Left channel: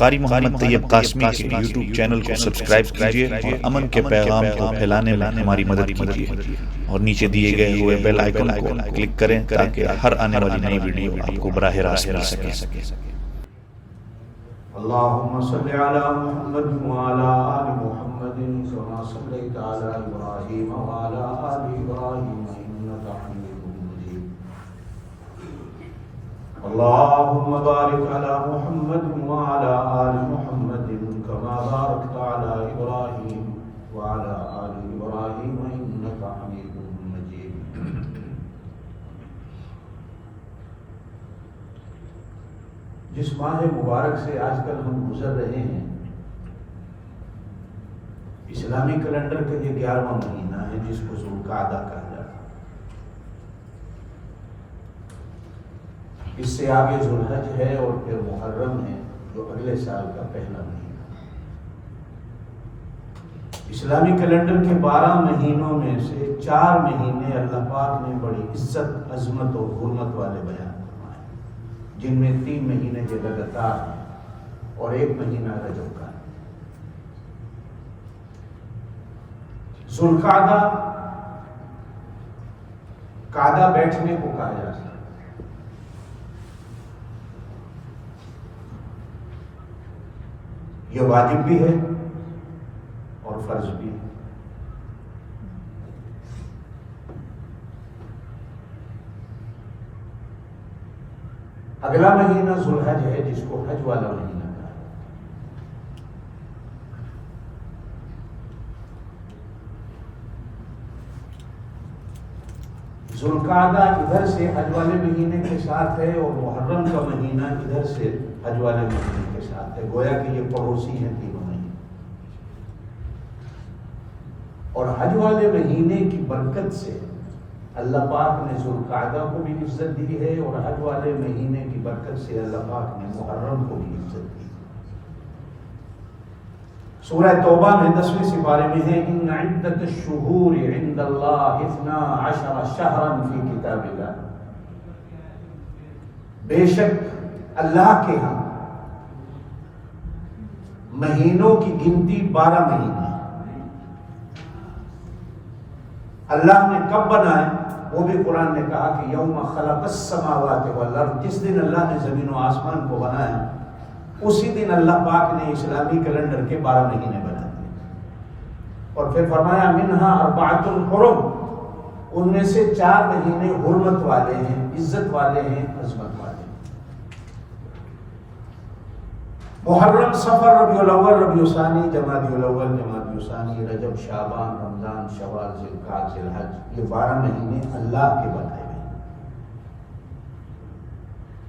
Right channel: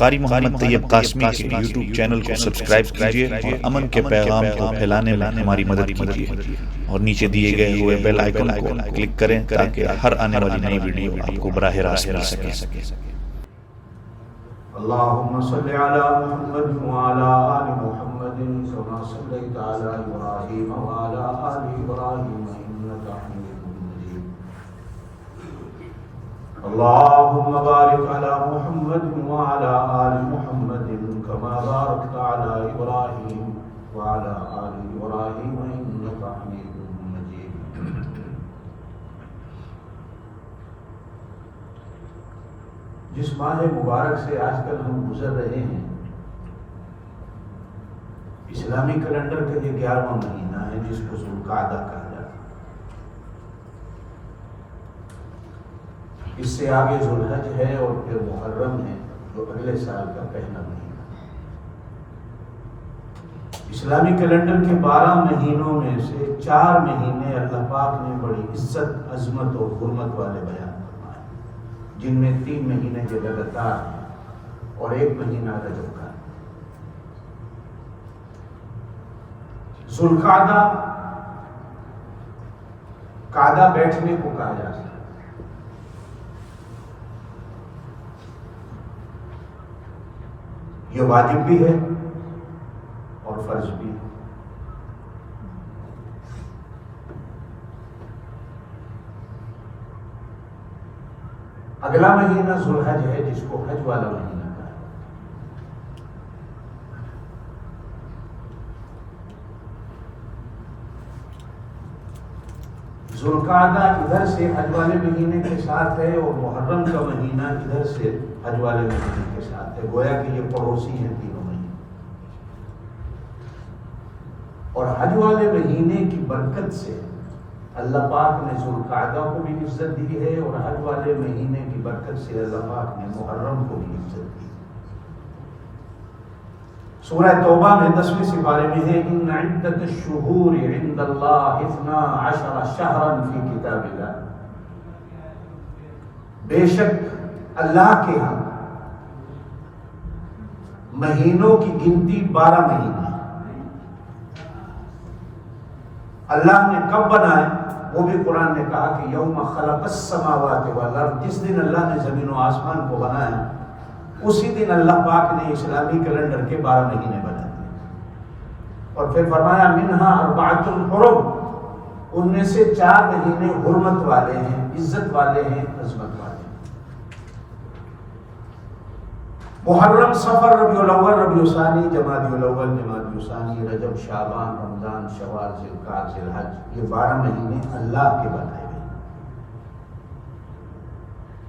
قاری محمد طیب قاسمی کے YouTube channel کو سبسکرائب کیجیے اور امن کے پیغام کو پھیلانے میں ہماری مدد کیجیے اور نیچے دیے گئے ہوئے بیل آئیکن کو کلک کریں تاکہ ہر آنے والی نئی ویڈیو آپ کو براہ راست مل سکے۔ اللهم صل على محمد وعلى آل محمد كما صليت على إبراهيم وعلى آل إبراهيم إنك حميد مجيد اللهم بارك على محمد وعلى آل محمد كما باركت على إبراهيم وعلى آل إبراهيم إنك حميد مجيد۔ جس ماہ مبارک سے آج کل ہم گزر رہے ہیں، اسلامی کیلنڈر کا یہ 11واں مہینہ ہے جس کو ذوالقعدہ کہا جاتا ہے۔ اس سے آگے ذوالحج ہے اور پھر محرم ہے جو اگلے سال کا پہلا مہینہ۔ اسلامی کیلنڈر کے 12 مہینوں میں سے 4 مہینے اللہ پاک نے بڑی عزت، عظمت اور حرمت والے بیان، جن میں 3 مہینے کے لگاتار ہیں اور 1 مہینہ رجب کا ہے۔ ذوالقعدہ، قعدہ بیٹھنے کو کہا جاتا ہے۔ یہ واجب بھی ہے اور فرض بھی ہے۔ اگلا مہینہ ذوالحج ہے جس کو حج والا مہینہ کہا ہے۔ ذوالقعدہ ادھر سے حج والے مہینے کے ساتھ ہے اور محرم کا مہینہ ادھر سے حج والے مہینے کے ساتھ ہے، گویا کہ یہ پڑوسی ہیں تینوں مہینے۔ اور حج والے مہینے کی برکت سے اللہ پاک نے ذوالقعدہ کو بھی عزت دی ہے اور حج والے مہینے کی برکت سے اللہ پاک نے محرم کو بھی عزت دی۔ سورہ توبہ میں 10ویں سپارے میں ہے ان عدت الشہور عند اللہ 12 شہرا فی کتاب اللہ، بے شک اللہ کے ہاں مہینوں کی گنتی 12 مہینے۔ اللہ نے کب بنائے وہ بھی قرآن نے کہا کہ یوم خلق السماوات والارض، جس دن اللہ نے زمین و آسمان کو بنایا اسی دن اللہ پاک نے اسلامی کیلنڈر کے 12 مہینے بنا دیے اور پھر فرمایا منہا اربعۃ حرم، ان میں سے 4 مہینے حرمت والے ہیں، عزت والے ہیں، عظمت والے ہیں۔ محرم، صفر، ربیع الاول، ربیع الثانی، جمادی الاول، جمادی الثانی، رجب، شعبان، رمضان، شوال، ذوالقعدہ، ذوالحج، یہ 12 مہینے اللہ کے بنائے ہوئے ہیں۔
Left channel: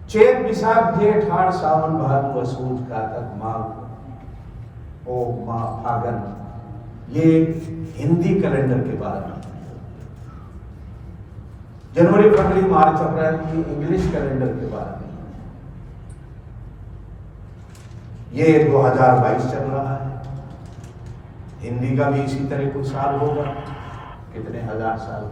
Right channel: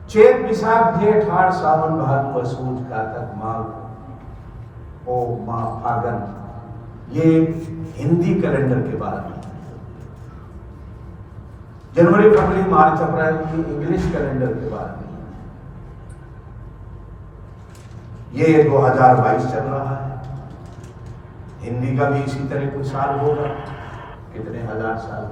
چیت، بیساکھ، جیٹھ، ہاڑ، ساون، بھادو، اسوج، کارتک، ماگھ، پوہ، ماہ، پھاگن، یہ ہندی کیلنڈر کے 12 مہینے۔ جنوری، فروری، مارچ، اپریل، یہ انگلش کیلنڈر کے 12 مہینے۔ یہ 2022 چل رہا ہے، ہندی کا بھی اسی طرح کچھ سال ہوگا، کتنے ہزار سال۔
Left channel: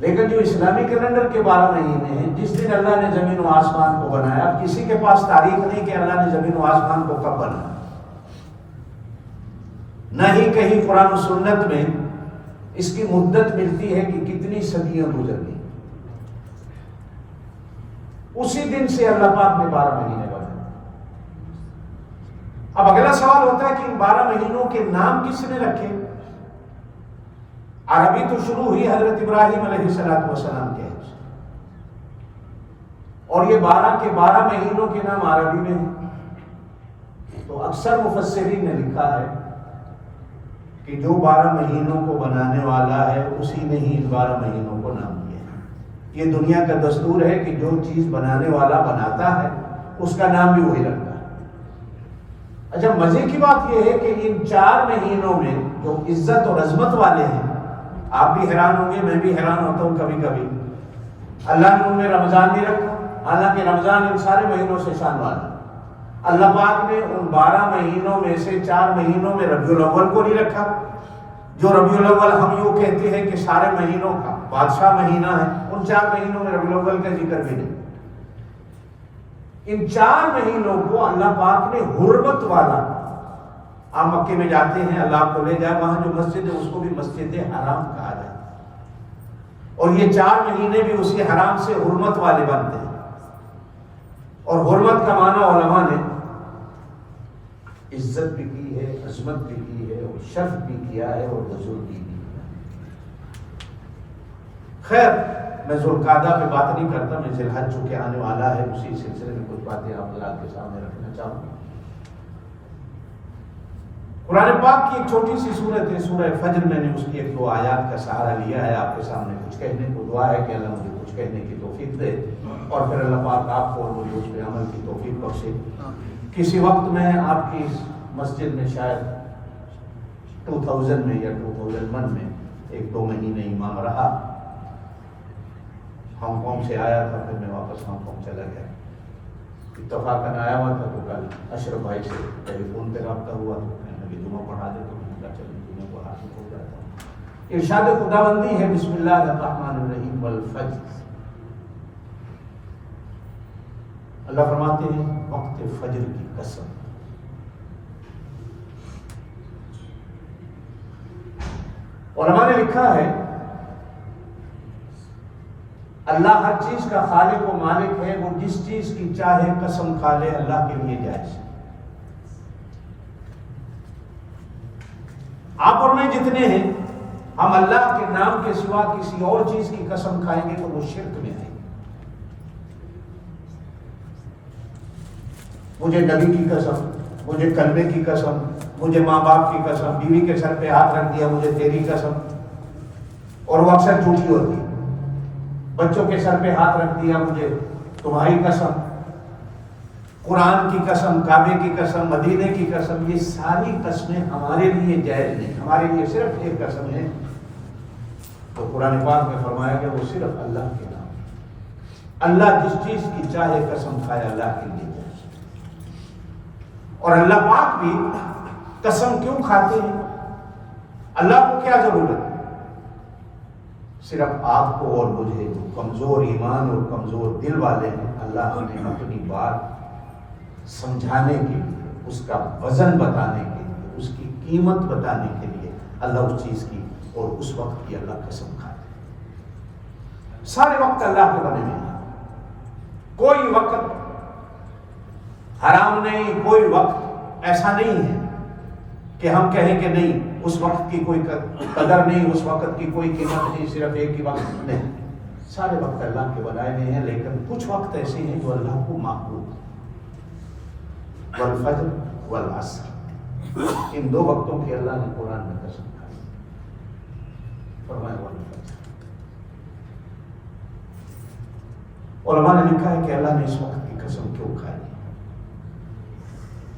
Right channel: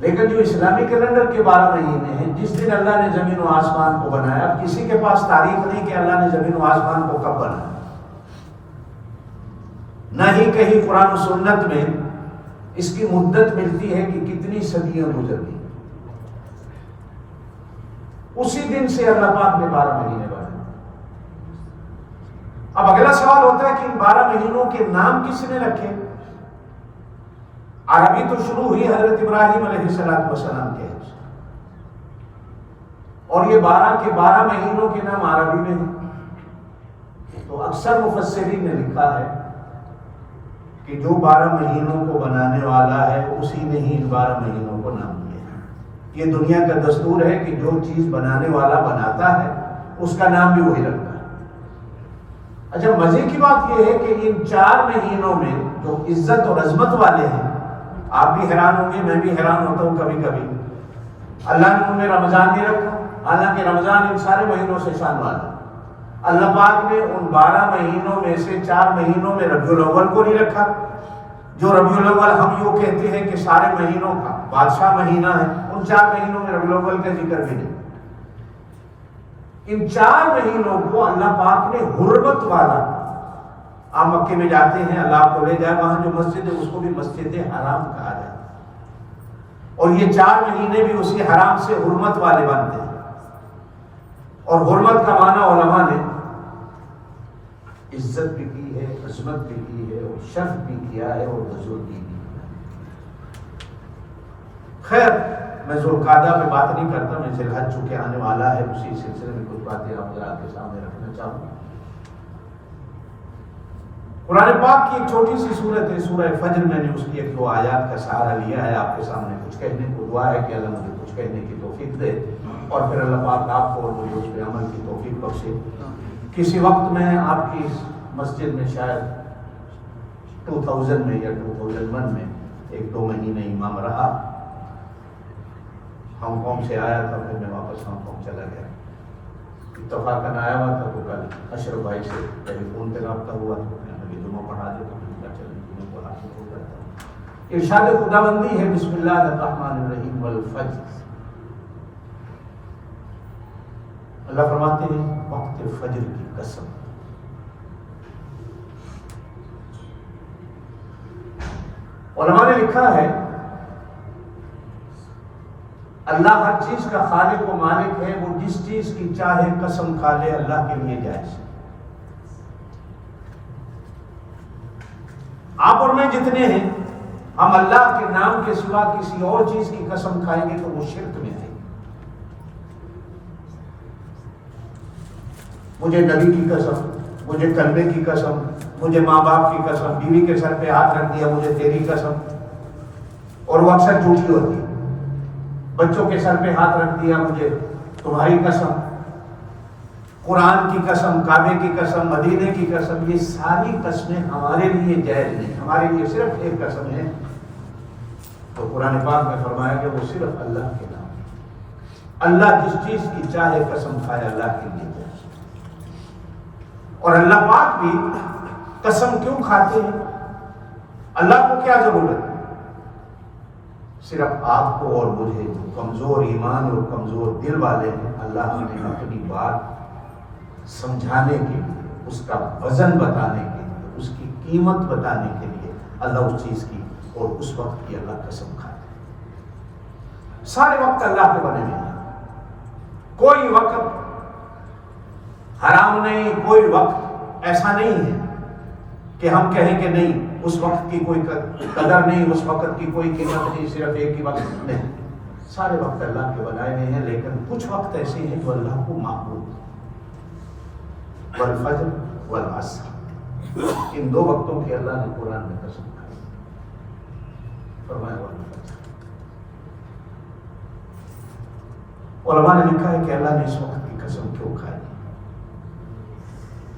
لیکن جو اسلامی کیلنڈر کے 12 مہینے ہیں، جس دن اللہ نے زمین و آسمان کو بنایا، اب کسی کے پاس تاریخ نہیں کہ اللہ نے زمین و آسمان کو کب بنایا، نہ ہی کہیں قرآن و سنت میں اس کی مدت ملتی ہے کہ کتنی صدیاں گزر گئی۔ اسی دن سے اللہ پاک نے 12 مہینے بنائے۔ اب اگلا سوال ہوتا ہے کہ ان 12 مہینوں کے نام کس نے رکھے؟ عربی تو شروع ہوئی حضرت ابراہیم علیہ السلام کے، اور یہ 12 کے 12 مہینوں کے نام عربی میں ہیں۔ تو اکثر مفسرین نے لکھا ہے کہ جو 12 مہینوں کو بنانے والا ہے اسی نے ہی ان 12 مہینوں کو نام دیا ہے۔ یہ دنیا کا دستور ہے کہ جو چیز بنانے والا بناتا ہے اس کا نام بھی وہی رکھتا ہے۔ اچھا، مزے کی بات یہ ہے کہ ان 4 مہینوں میں جو عزت اور عظمت والے ہیں، آپ بھی حیران ہوں گے، میں بھی حیران ہوتا ہوں کبھی کبھی، اللہ نے ان میں رمضان نہیں رکھا، حالانکہ رمضان ان سارے مہینوں سے شان والا۔ اللہ پاک نے ان 12 مہینوں میں سے 4 مہینوں میں ربیع الاول کو نہیں رکھا، جو ربیع الاول ہم یوں کہتے ہیں کہ سارے مہینوں کا بادشاہ مہینہ ہے، ان 4 مہینوں میں ربیع الاول کا ذکر بھی نہیں۔ ان 4 مہینوں کو اللہ پاک نے حرمت والا، آپ مکے میں جاتے ہیں، اللہ آپ کو لے جائے، وہاں جو مسجد ہے اس کو بھی مسجد حرام کہا جائے، اور یہ 4 مہینے بھی اسی حرام سے حرمت والے بنتے ہیں۔ اور حرمت کا معنی علماء نے عزت بھی کی ہے، عظمت بھی کی ہے، اور شرف بھی کیا ہے، اور بزرگی بھی کیا ہے۔ خیر، میں ذوالقعدہ پہ بات نہیں کرتا، میں ذی الحج چونکہ آنے والا ہے، اسی سلسلے میں کچھ باتیں آپ حضرات کے سامنے رکھنا چاہوں گا۔ قرآن پاک کی ایک چھوٹی سی سورت ہے سورہ فجر، میں نے اس کی 1-2 آیات کا سہارا لیا ہے آپ کے سامنے کچھ کہنے کو۔ دعا ہے کہ اللہ مجھے کچھ کہنے کی توفیق دے، اور پھر اللہ پاک آپ کو اور مجھے اس پہ عمل کی توفیق بخشے۔ کسی وقت میں آپ کی اس مسجد میں شاید 2000 میں یا 2001 میں 1-2 مہینے امام رہا، ہانگ کانگ سے آیا تھا، پھر میں واپس ہانگ کانگ چلا گیا۔ اتفاقاً آیا ہوا تھا تو کل اشرف بھائی سے ٹیلی فون پہ رابطہ ہوا، تو میں نے جمعہ پڑھا دے تو میں چلیں جمعہ کو حاصل ہو جاتا ہوں۔ ارشاد خداوندی ہے بسم اللہ الرحمن الرحیم والفجر، اللہ فرماتے ہیں وقت فجر کی قسم۔ علماء نے لکھا ہے اللہ ہر چیز کا خالق و مالک ہے، وہ جس چیز کی چاہے قسم کھا لے اللہ کے لیے جائز ہے۔ آپ اور میں جتنے ہیں، ہم اللہ کے نام کے سوا کسی اور چیز کی قسم کھائیں گے تو وہ شرک میں آئے گی۔ مجھے نبی کی قسم، مجھے کلمے کی قسم، مجھے ماں باپ کی قسم، بیوی کے سر پہ ہاتھ رکھ دیا مجھے تیری قسم، اور وہ اکثر جھوٹی ہوتی ہے۔ بچوں کے سر پہ ہاتھ رکھ دیا مجھے تمہاری قسم، قرآن کی قسم، کعبے کی قسم، مدینے کی قسم، یہ ساری قسمیں ہمارے لیے جائز نہیں، ہمارے لیے صرف ایک قسم ہے، تو قرآن پاک میں فرمایا کہ وہ صرف اللہ کے نام، اللہ جس چیز کی چاہے قسم کھائے اللہ کے لیے جائز۔ اور اللہ پاک بھی قسم کیوں کھاتے ہیں؟ اللہ کو کیا ضرورت ہے؟ صرف آپ کو اور مجھے جو کمزور ایمان اور کمزور دل والے ہیں، اللہ نے اپنی بات سمجھانے کے لیے، اس کا وزن بتانے کے لیے، اس کی قیمت بتانے کے لیے اللہ اس چیز کی اور اس وقت کی اللہ قسم کھاتے ہیں۔ سارے وقت اللہ کے بنے ہوئے ہیں، کوئی وقت حرام نہیں، کوئی وقت ایسا نہیں ہے کہ ہم کہیں کہ نہیں اس وقت کی کوئی قدر نہیں، اس وقت کی کوئی قیمت نہیں، صرف ایک ہی وقت نہیں، سارے وقت اللہ کے بنائے ہوئے ہیں، لیکن کچھ وقت ایسے ہیں جو اللہ کو محبوب ہیں۔ والفجر والعصر، ان 2 وقتوں کی اللہ نے قرآن میں قسم کھائی، فرمایا والفجر۔ علماء نے لکھا ہے کہ اللہ نے اس وقت کی قسم کیوں کھائی،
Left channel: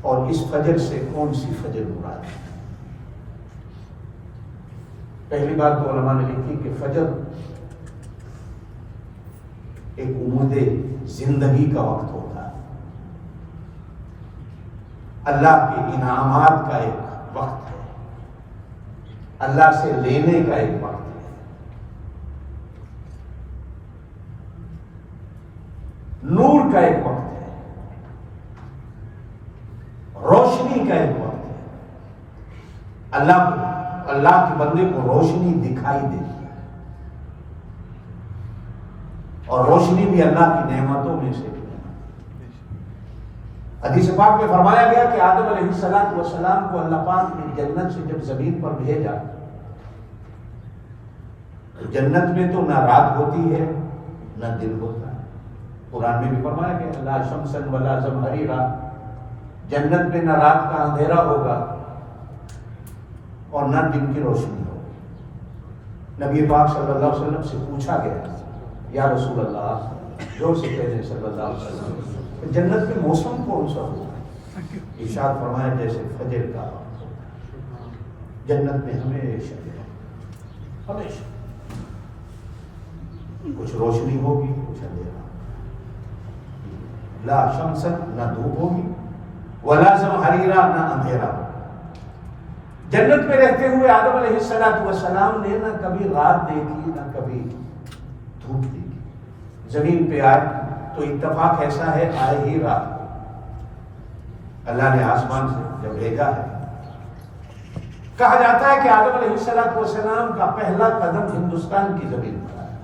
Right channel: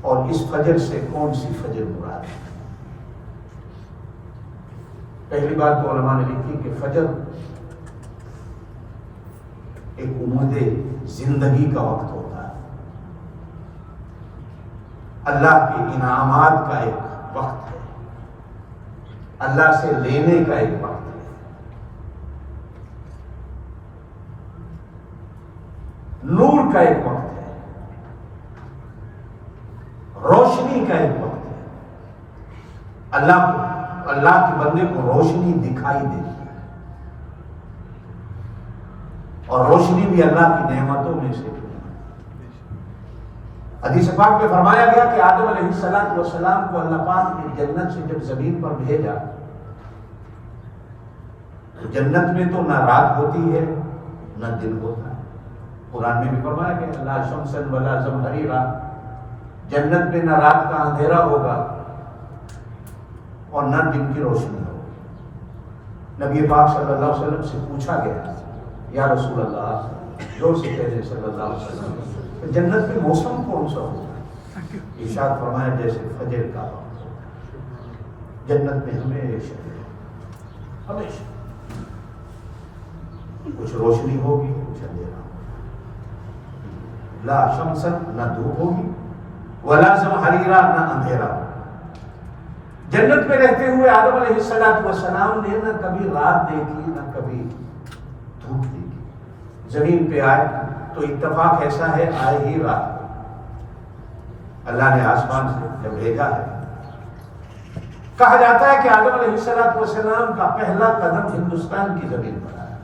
اور اس فجر سے کون سی فجر مراد ہے؟ پہلی بات تو علماء نے لکھی کہ فجر ایک امید زندگی کا وقت ہوتا ہے، اللہ کے انعامات کا ایک وقت ہے، اللہ سے لینے کا ایک وقت ہے، نور کا ایک وقت ہے، روشنی کا ایک وقت ہے۔ اللہ کے بندے کو روشنی دکھائی دیتی ہے، اور روشنی بھی اللہ کی نعمتوں میں سے ہے۔ حدیث پاک میں فرمایا گیا کہ آدم علیہ السلام کو اللہ پاک نے جنت سے جب زمین پر بھیجا تو جنت میں تو نہ رات ہوتی ہے نہ دن ہوتا ہے۔ قرآن میں بھی فرمایا کہ لا شمسن ولا زمہریرا، جنت میں نہ رات کا اندھیرا ہوگا اور نہ دن کی روشنی ہوگی۔ نبی پاک صلی اللہ علیہ وسلم سے پوچھا گیا یا رسول اللہ، زور سے کہہ دیں صلی اللہ علیہ وسلم، جنت میں موسم کون سا ہوگا؟ ارشاد فرمایا جیسے فجر کا وقت ہوگا، جنت میں ہمیشہ کچھ روشنی ہوگی کچھ اندھیرا، لا شمسن نہ دھوپ ہوگی ولا زمہریرا نہ اندھیرا۔ جنت میں رہتے ہوئے آدم علیہ السلام نے نہ کبھی رات دیکھی نہ کبھی دھوپ دیکھی۔ زمین پہ آئے تو اتفاق ایسا ہے آئے ہی رات کو اللہ نے آسمان سے جب بھیجا ہے، کہا جاتا ہے کہ آدم علیہ السلام کا پہلا قدم ہندوستان کی زمین پر آیا۔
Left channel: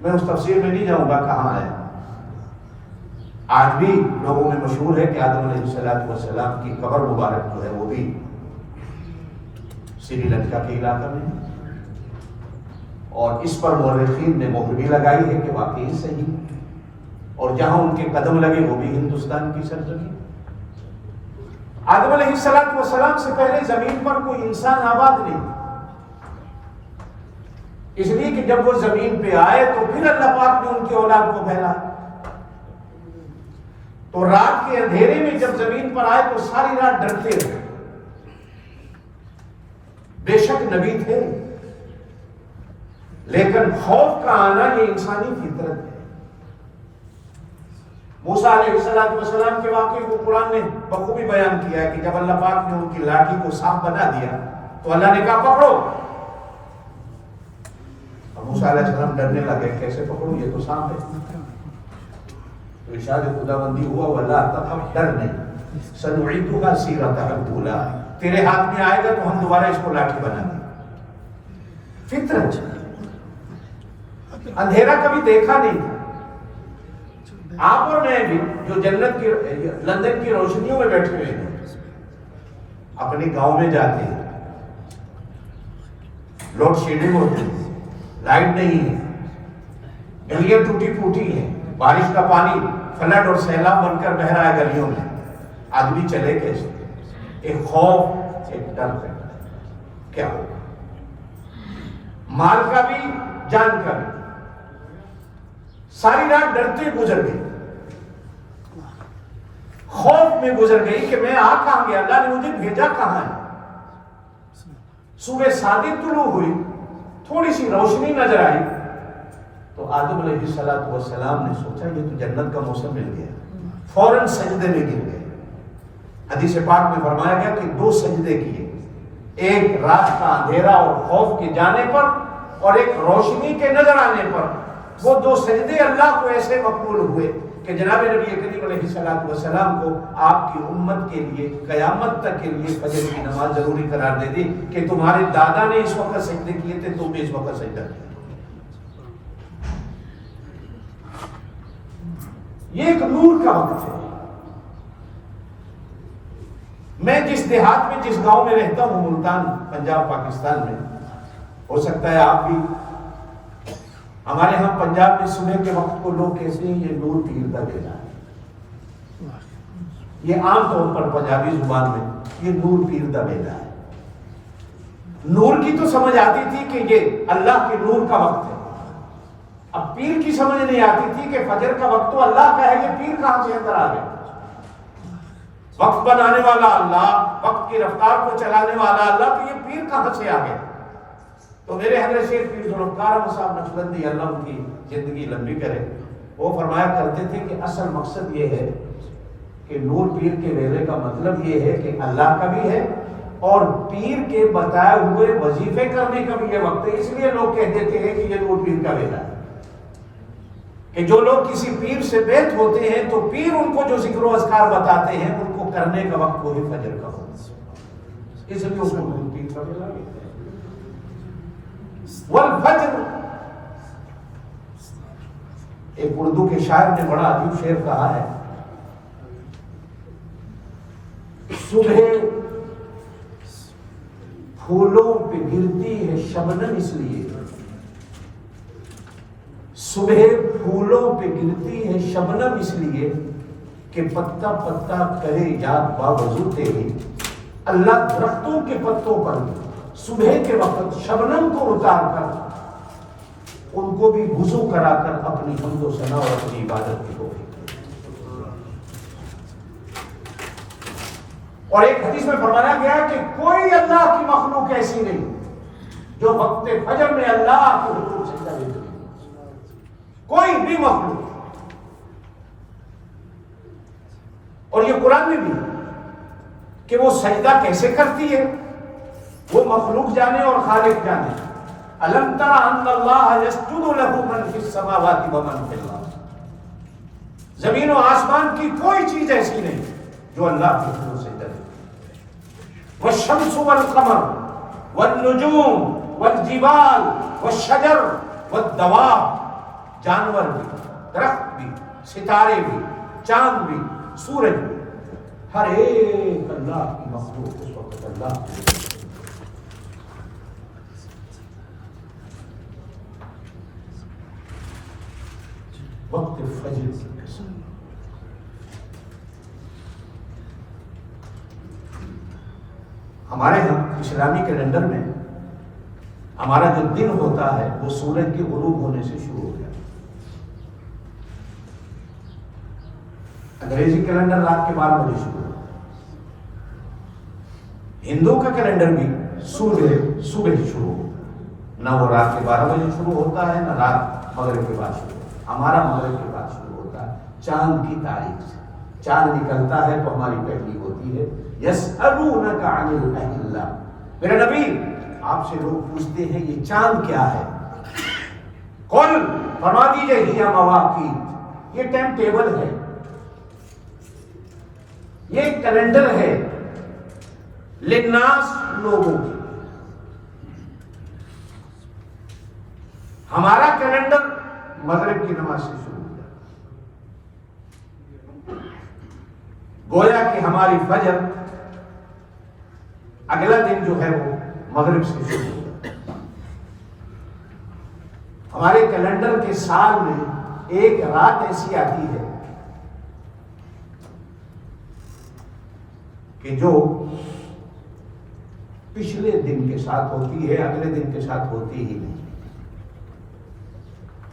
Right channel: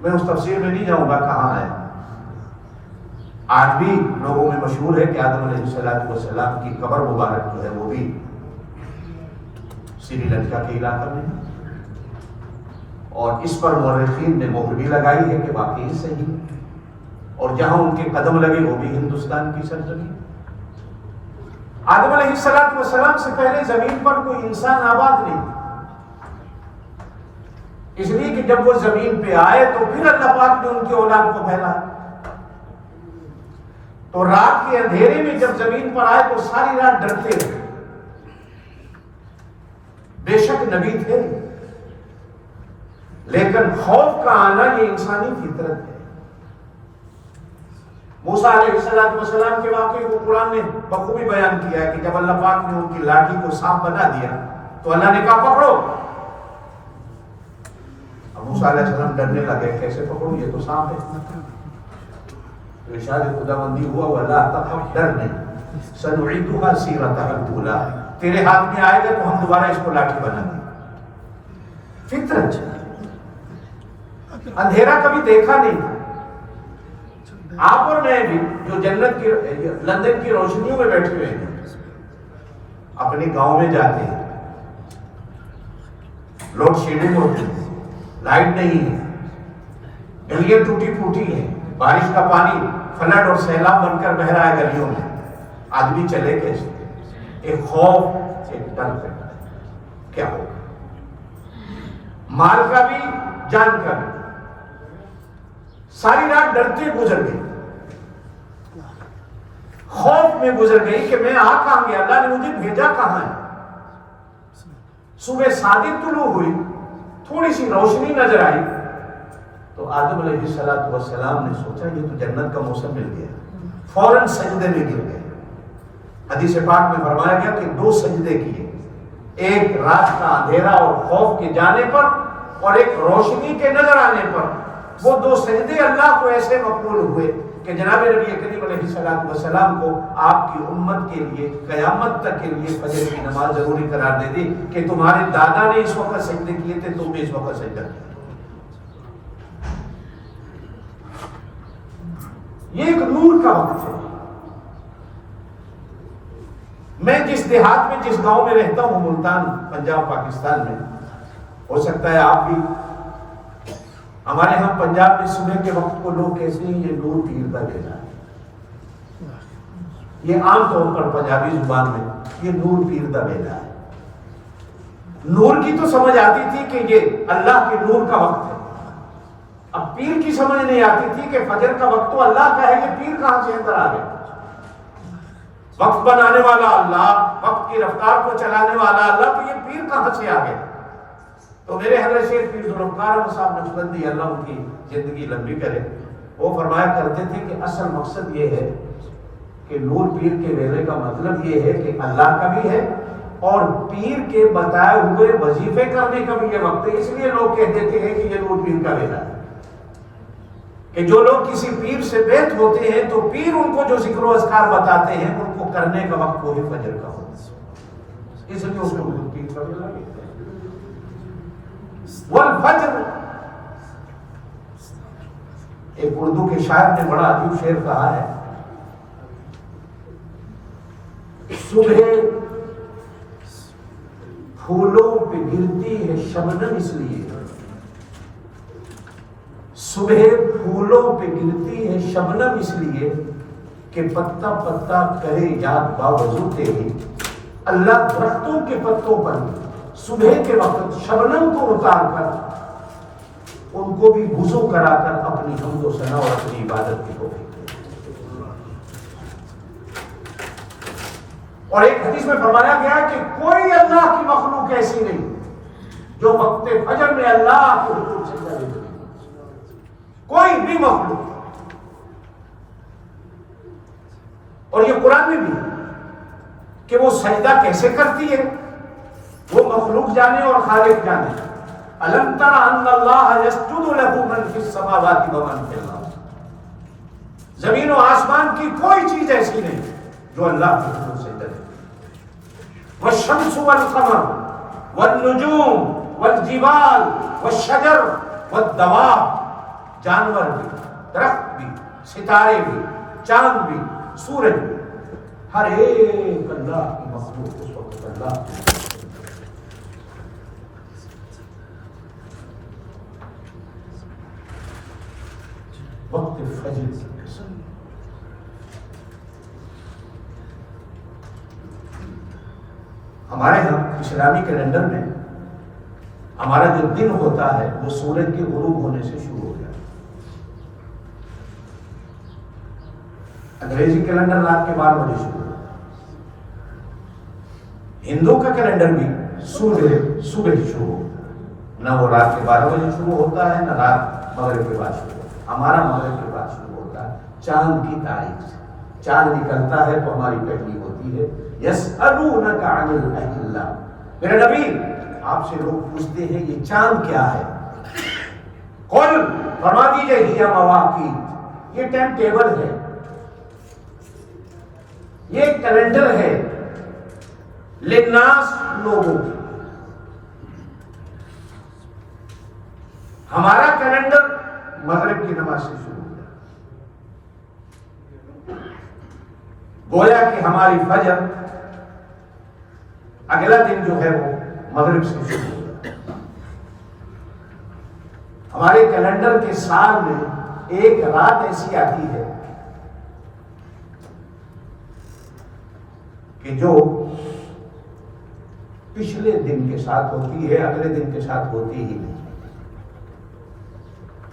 میں اس تفسیر میں نہیں جاؤں گا کہاں ہے، آج بھی لوگوں میں مشہور ہے کہ آدم علیہ السلام کی قبر مبارک جو ہے وہ بھی سری لنکا کے علاقہ میں، اور اس پر مورخین نے مہر بھی لگائی ہے کہ واقعی صحیح، اور جہاں ان کے قدم لگے وہ بھی ہندوستان کی سرزمین۔ آدم علیہ السلام سے پہلے زمین پر کوئی انسان آباد نہیں، اس لیے کہ جب وہ زمین پہ آئے تو پھر اللہ پاک نے ان کی اولاد کو پھیلا، تو رات کے اندھیرے میں جب زمین پر آئے تو ساری رات ڈرتے رہے۔ بے شک نبی تھے، لیکن خوف کا آنا یہ انسانی فطرت ہے۔ موسیٰ علیہ السلام کے واقعے کو قرآن نے بخوبی بیان کیا ہے کہ جب اللہ پاک نے ان کی لاٹھی کو سانپ بنا دیا تو اللہ نے کہا پکڑو، اب موسیٰ علیہ السلام ڈرنے لگے، کیسے پکڑوں، یہ تو سانپ ہے۔ تو ارشاد خداوندی ہوا وَلَا تَخَفْ، ڈر نہیں، سَنُعِيدُهَا سِيرَتَهَا الْأُولَىٰ، تیرے ہاتھ میں آئے گا تو ہم دوبارہ اس کو لاٹھی بنا دیں۔ فطرت، اندھیرا کبھی دیکھا نہیں تھا۔ آپ اور میں بھی جو جنت کی لندن کی روشنیوں میں بیٹھے ہوئے ہیں، اپنے گاؤں میں جاتے ہیں، لوڈ شیڈنگ ہوتی ہے، لائٹ نہیں ہے، گلیاں ٹوٹی پھوٹی ہیں، بارش کا پانی فلڈ اور سیلاب بن کر بہ رہا ہے گلیوں میں، آدمی چلے کیسے؟ ایک خوف، ایک ڈر پیدا ہے، کیا ہوگا؟ مال کا بھی، جان کا بھی۔ ساری رات ڈرتے گزر گئی، خوف میں گزر گئی کہ میں آ کہاں گیا، اللہ نے مجھے بھیجا کہاں ہے۔ صبح صادق طلوع ہوئی، تھوڑی سی روشنی نظر آئی تو آدم علیہ السلام نے سوچا یہ تو جنت کا موسم مل گیا، فوراً سجدے میں گر گئے۔ حدیث پاک میں فرمایا گیا کہ 2 سجدے کیے، ایک رات کا اندھیرا اور خوف کے جانے پر، اور ایک روشنی کے نظر آنے پر۔ وہ 2 سجدے اللہ کو ایسے مقبول ہوئے کہ جناب نبی کریم علیہ السلام کو آپ کی امت کے لیے قیامت تک کے لیے فجر کی نماز ضروری قرار دے دی کہ تمہارے دادا نے اس وقت سجدے کیے تھے، تم بھی اس وقت سجدہ کیا۔ یہ ایک نور کا وقت ہے۔ میں جس دیہات میں، جس گاؤں میں رہتا ہوں، ملتان، پنجاب، پاکستان میں، ہو سکتا ہے آپ بھی، ہمارے ہم پنجاب میں صبح کے وقت کو لوگ کہتے ہیں یہ نور پیر کا بیلا ہے۔ یہ عام طور پر پنجابی زبان میں یہ نور پیر کا بیلا ہے۔ نور کی تو سمجھ آتی تھی کہ یہ اللہ کے نور کا وقت ہے، اب پیر کی سمجھ نہیں آتی تھی کہ فجر کا وقت تو اللہ کا ہے، یہ پیر کہاں سے اندر آ گیا۔ وقت بنانے والا اللہ، وقت کی رفتار کو چلانے والا اللہ، تو یہ پیر کہاں سے آ گیا۔ تو میرے حضرت شیخ پیر ذوالفقار احمد صاحب نقشبندی، اللہ ان کی زندگی لمبی کرے، وہ فرمایا کرتے تھے کہ اصل مقصد یہ ہے کہ نور پیر کے ویلے کا مطلب یہ ہے کہ اللہ کا بھی ہے اور پیر کے بتائے ہوئے وظیفے کرنے کا بھی یہ وقت ہے۔ اس لیے لوگ کہہ دیتے ہیں کہ یہ نور پیر کا ویلا ہے، کہ جو لوگ کسی پیر سے بیعت ہوتے ہیں تو پیر ان کو جو ذکر و اذکار بتاتے ہیں ان کو کرنے کا وقت وہی فجر کا ہوتا ہے، اس لیے اس کو نور پیر کا ویلا ہے۔ والفجر، ایک اردو کے شاعر نے بڑا عجیب شعر کہا ہے، صبح پھولوں پہ گرتی ہے شبنم اس لیے، صبح پھولوں پہ گرتی ہے شبنم اس لیے کہ پتا پتا کرے یاد باوضو تیری۔ اللہ درختوں کے پتوں پر صبح کے وقت شبنم کو اتار کر ان کو بھی وضو کرا کر اپنی حمد و ثنا اور اپنی عبادت کی توفیق دے۔ اور ایک حدیث میں فرمایا گیا ہے کہ کوئی اللہ کی مخلوق ایسی نہیں جو وقت فجر میں اللہ کو حضور سجدہ دے، کوئی بھی مخلوق۔ اور یہ قرآن میں بھی کہ وہ سجدہ کیسے کرتی ہے وہ مخلوق جانے اور خالق جانے، الم تر ان اللہ یسجد لہ من فی السماوات ومن فی الارض، زمین و آسمان کی کوئی چیز ایسی نہیں جو اللہ کے حضور سجدہ کرے. والشمس والقمر والنجوم والجبال والشجر والدواب، جانور بھی، درخت بھی، ستارے بھی، چاند بھی، سورج بھی، ہر ایک اللہ کی مخلوق اس وقت اللہ کی. وقت فجر کی قسم، ہمارے ہاں اسلامی کیلنڈر میں ہمارا جو دن ہوتا ہے وہ سورج کے غروب ہونے سے شروع ہو جاتا ہے. انگریزی کیلنڈر رات کے 12 بجے شروع ہوتا ہے. ہندو کا کیلنڈر بھی صبح شروع ہوتا ہے. نہ وہ رات کے 12 بجے شروع ہوتا ہے، نہ رات مغرب کے بعد شروع ہوتا ہے. ہمارا مغرب کے بعد شروع ہوتا ہے چاند کی تاریخ سے. چاند نکلتا ہے تو ہماری پہلی ہوتی ہے یسألونک عن الأہلہ. میرے نبی آپ سے لوگ پوچھتے ہیں یہ چاند کیا ہے؟ قل فرما دیجئے ہی مواقیت، یہ ٹائم ٹیبل ہے، یہ کیلنڈر ہے للناس، لوگوں کی. ہمارا کیلنڈر مغرب کی نماز سے شروع ہو جاتا، گویا کہ ہماری فجر اگلا دن جو ہے وہ مغرب سے شروع ہو جاتا. ہمارے کیلنڈر کے سال میں ایک رات ایسی آتی ہے کہ جو پچھلے دن کے ساتھ ہوتی ہے، اگلے دن کے ساتھ ہوتی ہی نہیں.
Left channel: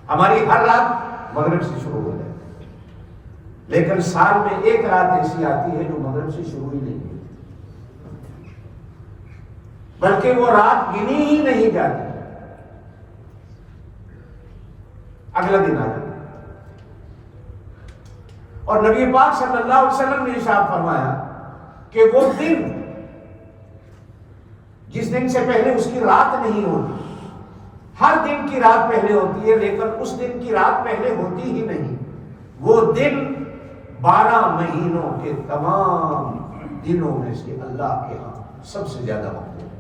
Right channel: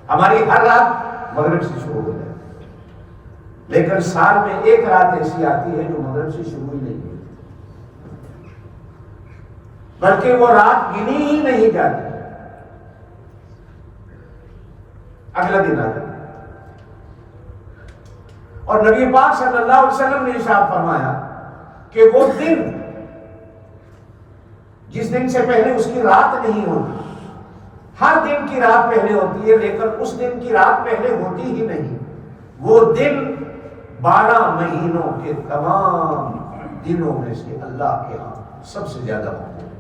ہماری ہر رات مغرب سے شروع ہو جاتی ہے، لیکن سال میں ایک رات ایسی آتی ہے جو مغرب سے شروع ہی نہیں ہوتی، بلکہ وہ رات گنی ہی نہیں جاتی، اگلا دن آ جاتا. اور نبی پاک صلی اللہ علیہ وسلم نے ارشاد فرمایا کہ وہ دن جس دن سے پہلے اس کی رات نہیں ہوتی، ہر دن کی رات پہلے ہوتی ہے لیکن اس دن کی رات پہلے ہوتی ہی نہیں. وہ دن 12 مہینوں کے تمام دنوں میں سے اللہ کے ہاں سب سے زیادہ مقبول ہے.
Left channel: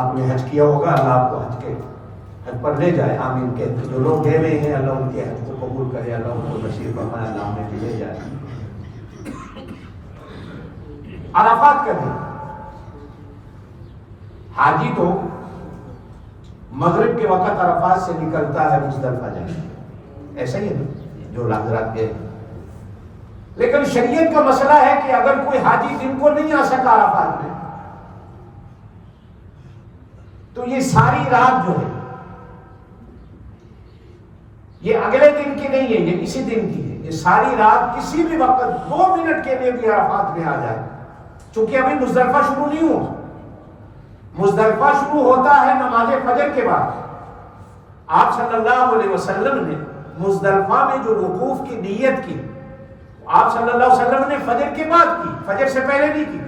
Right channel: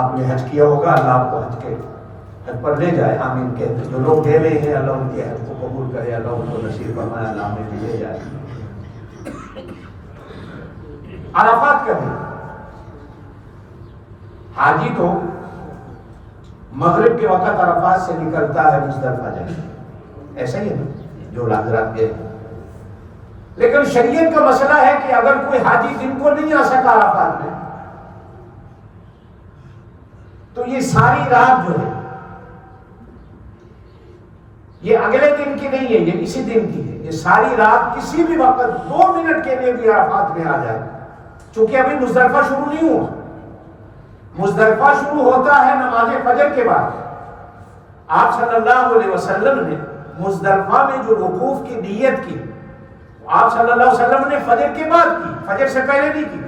آپ نے حج کیا ہوگا، اللہ آپ کو حج پر لے جائے، آمین کہتے. جو لوگ گئے ہوئے ہیں اللہ ان کے حج کو قبول کرے، اللہ ان کو نصیب فرمائے، اللہ ہمیں بھی لے جائے. عرفات کا دن، حاجی تو مغرب کے وقت عرفات سے نکلتا ہے مزدلفہ جانے، ایسا ہی ہے جو حضرات گئے. لیکن شریعت کا مسئلہ ہے کہ اگر کوئی حاجی دن کو نہیں آ سکا عرفات میں تو یہ ساری رات جو ہے یہ اگلے دن کی نہیں ہے، یہ اسی دن کی ہے. یہ ساری رات کسی بھی وقت 2 منٹ کے لیے بھی عرفات میں آ جائے، چونکہ ابھی مزدلفہ شروع نہیں ہوا. مزدلفہ شروع ہوتا ہے نماز فجر کے بعد. آپ صلی اللہ علیہ وسلم نے مزدلفہ میں جو وقوف کی نیت کی، آپ صلی اللہ علیہ وسلم نے فجر کے بعد کی، فجر سے پہلے نہیں کی.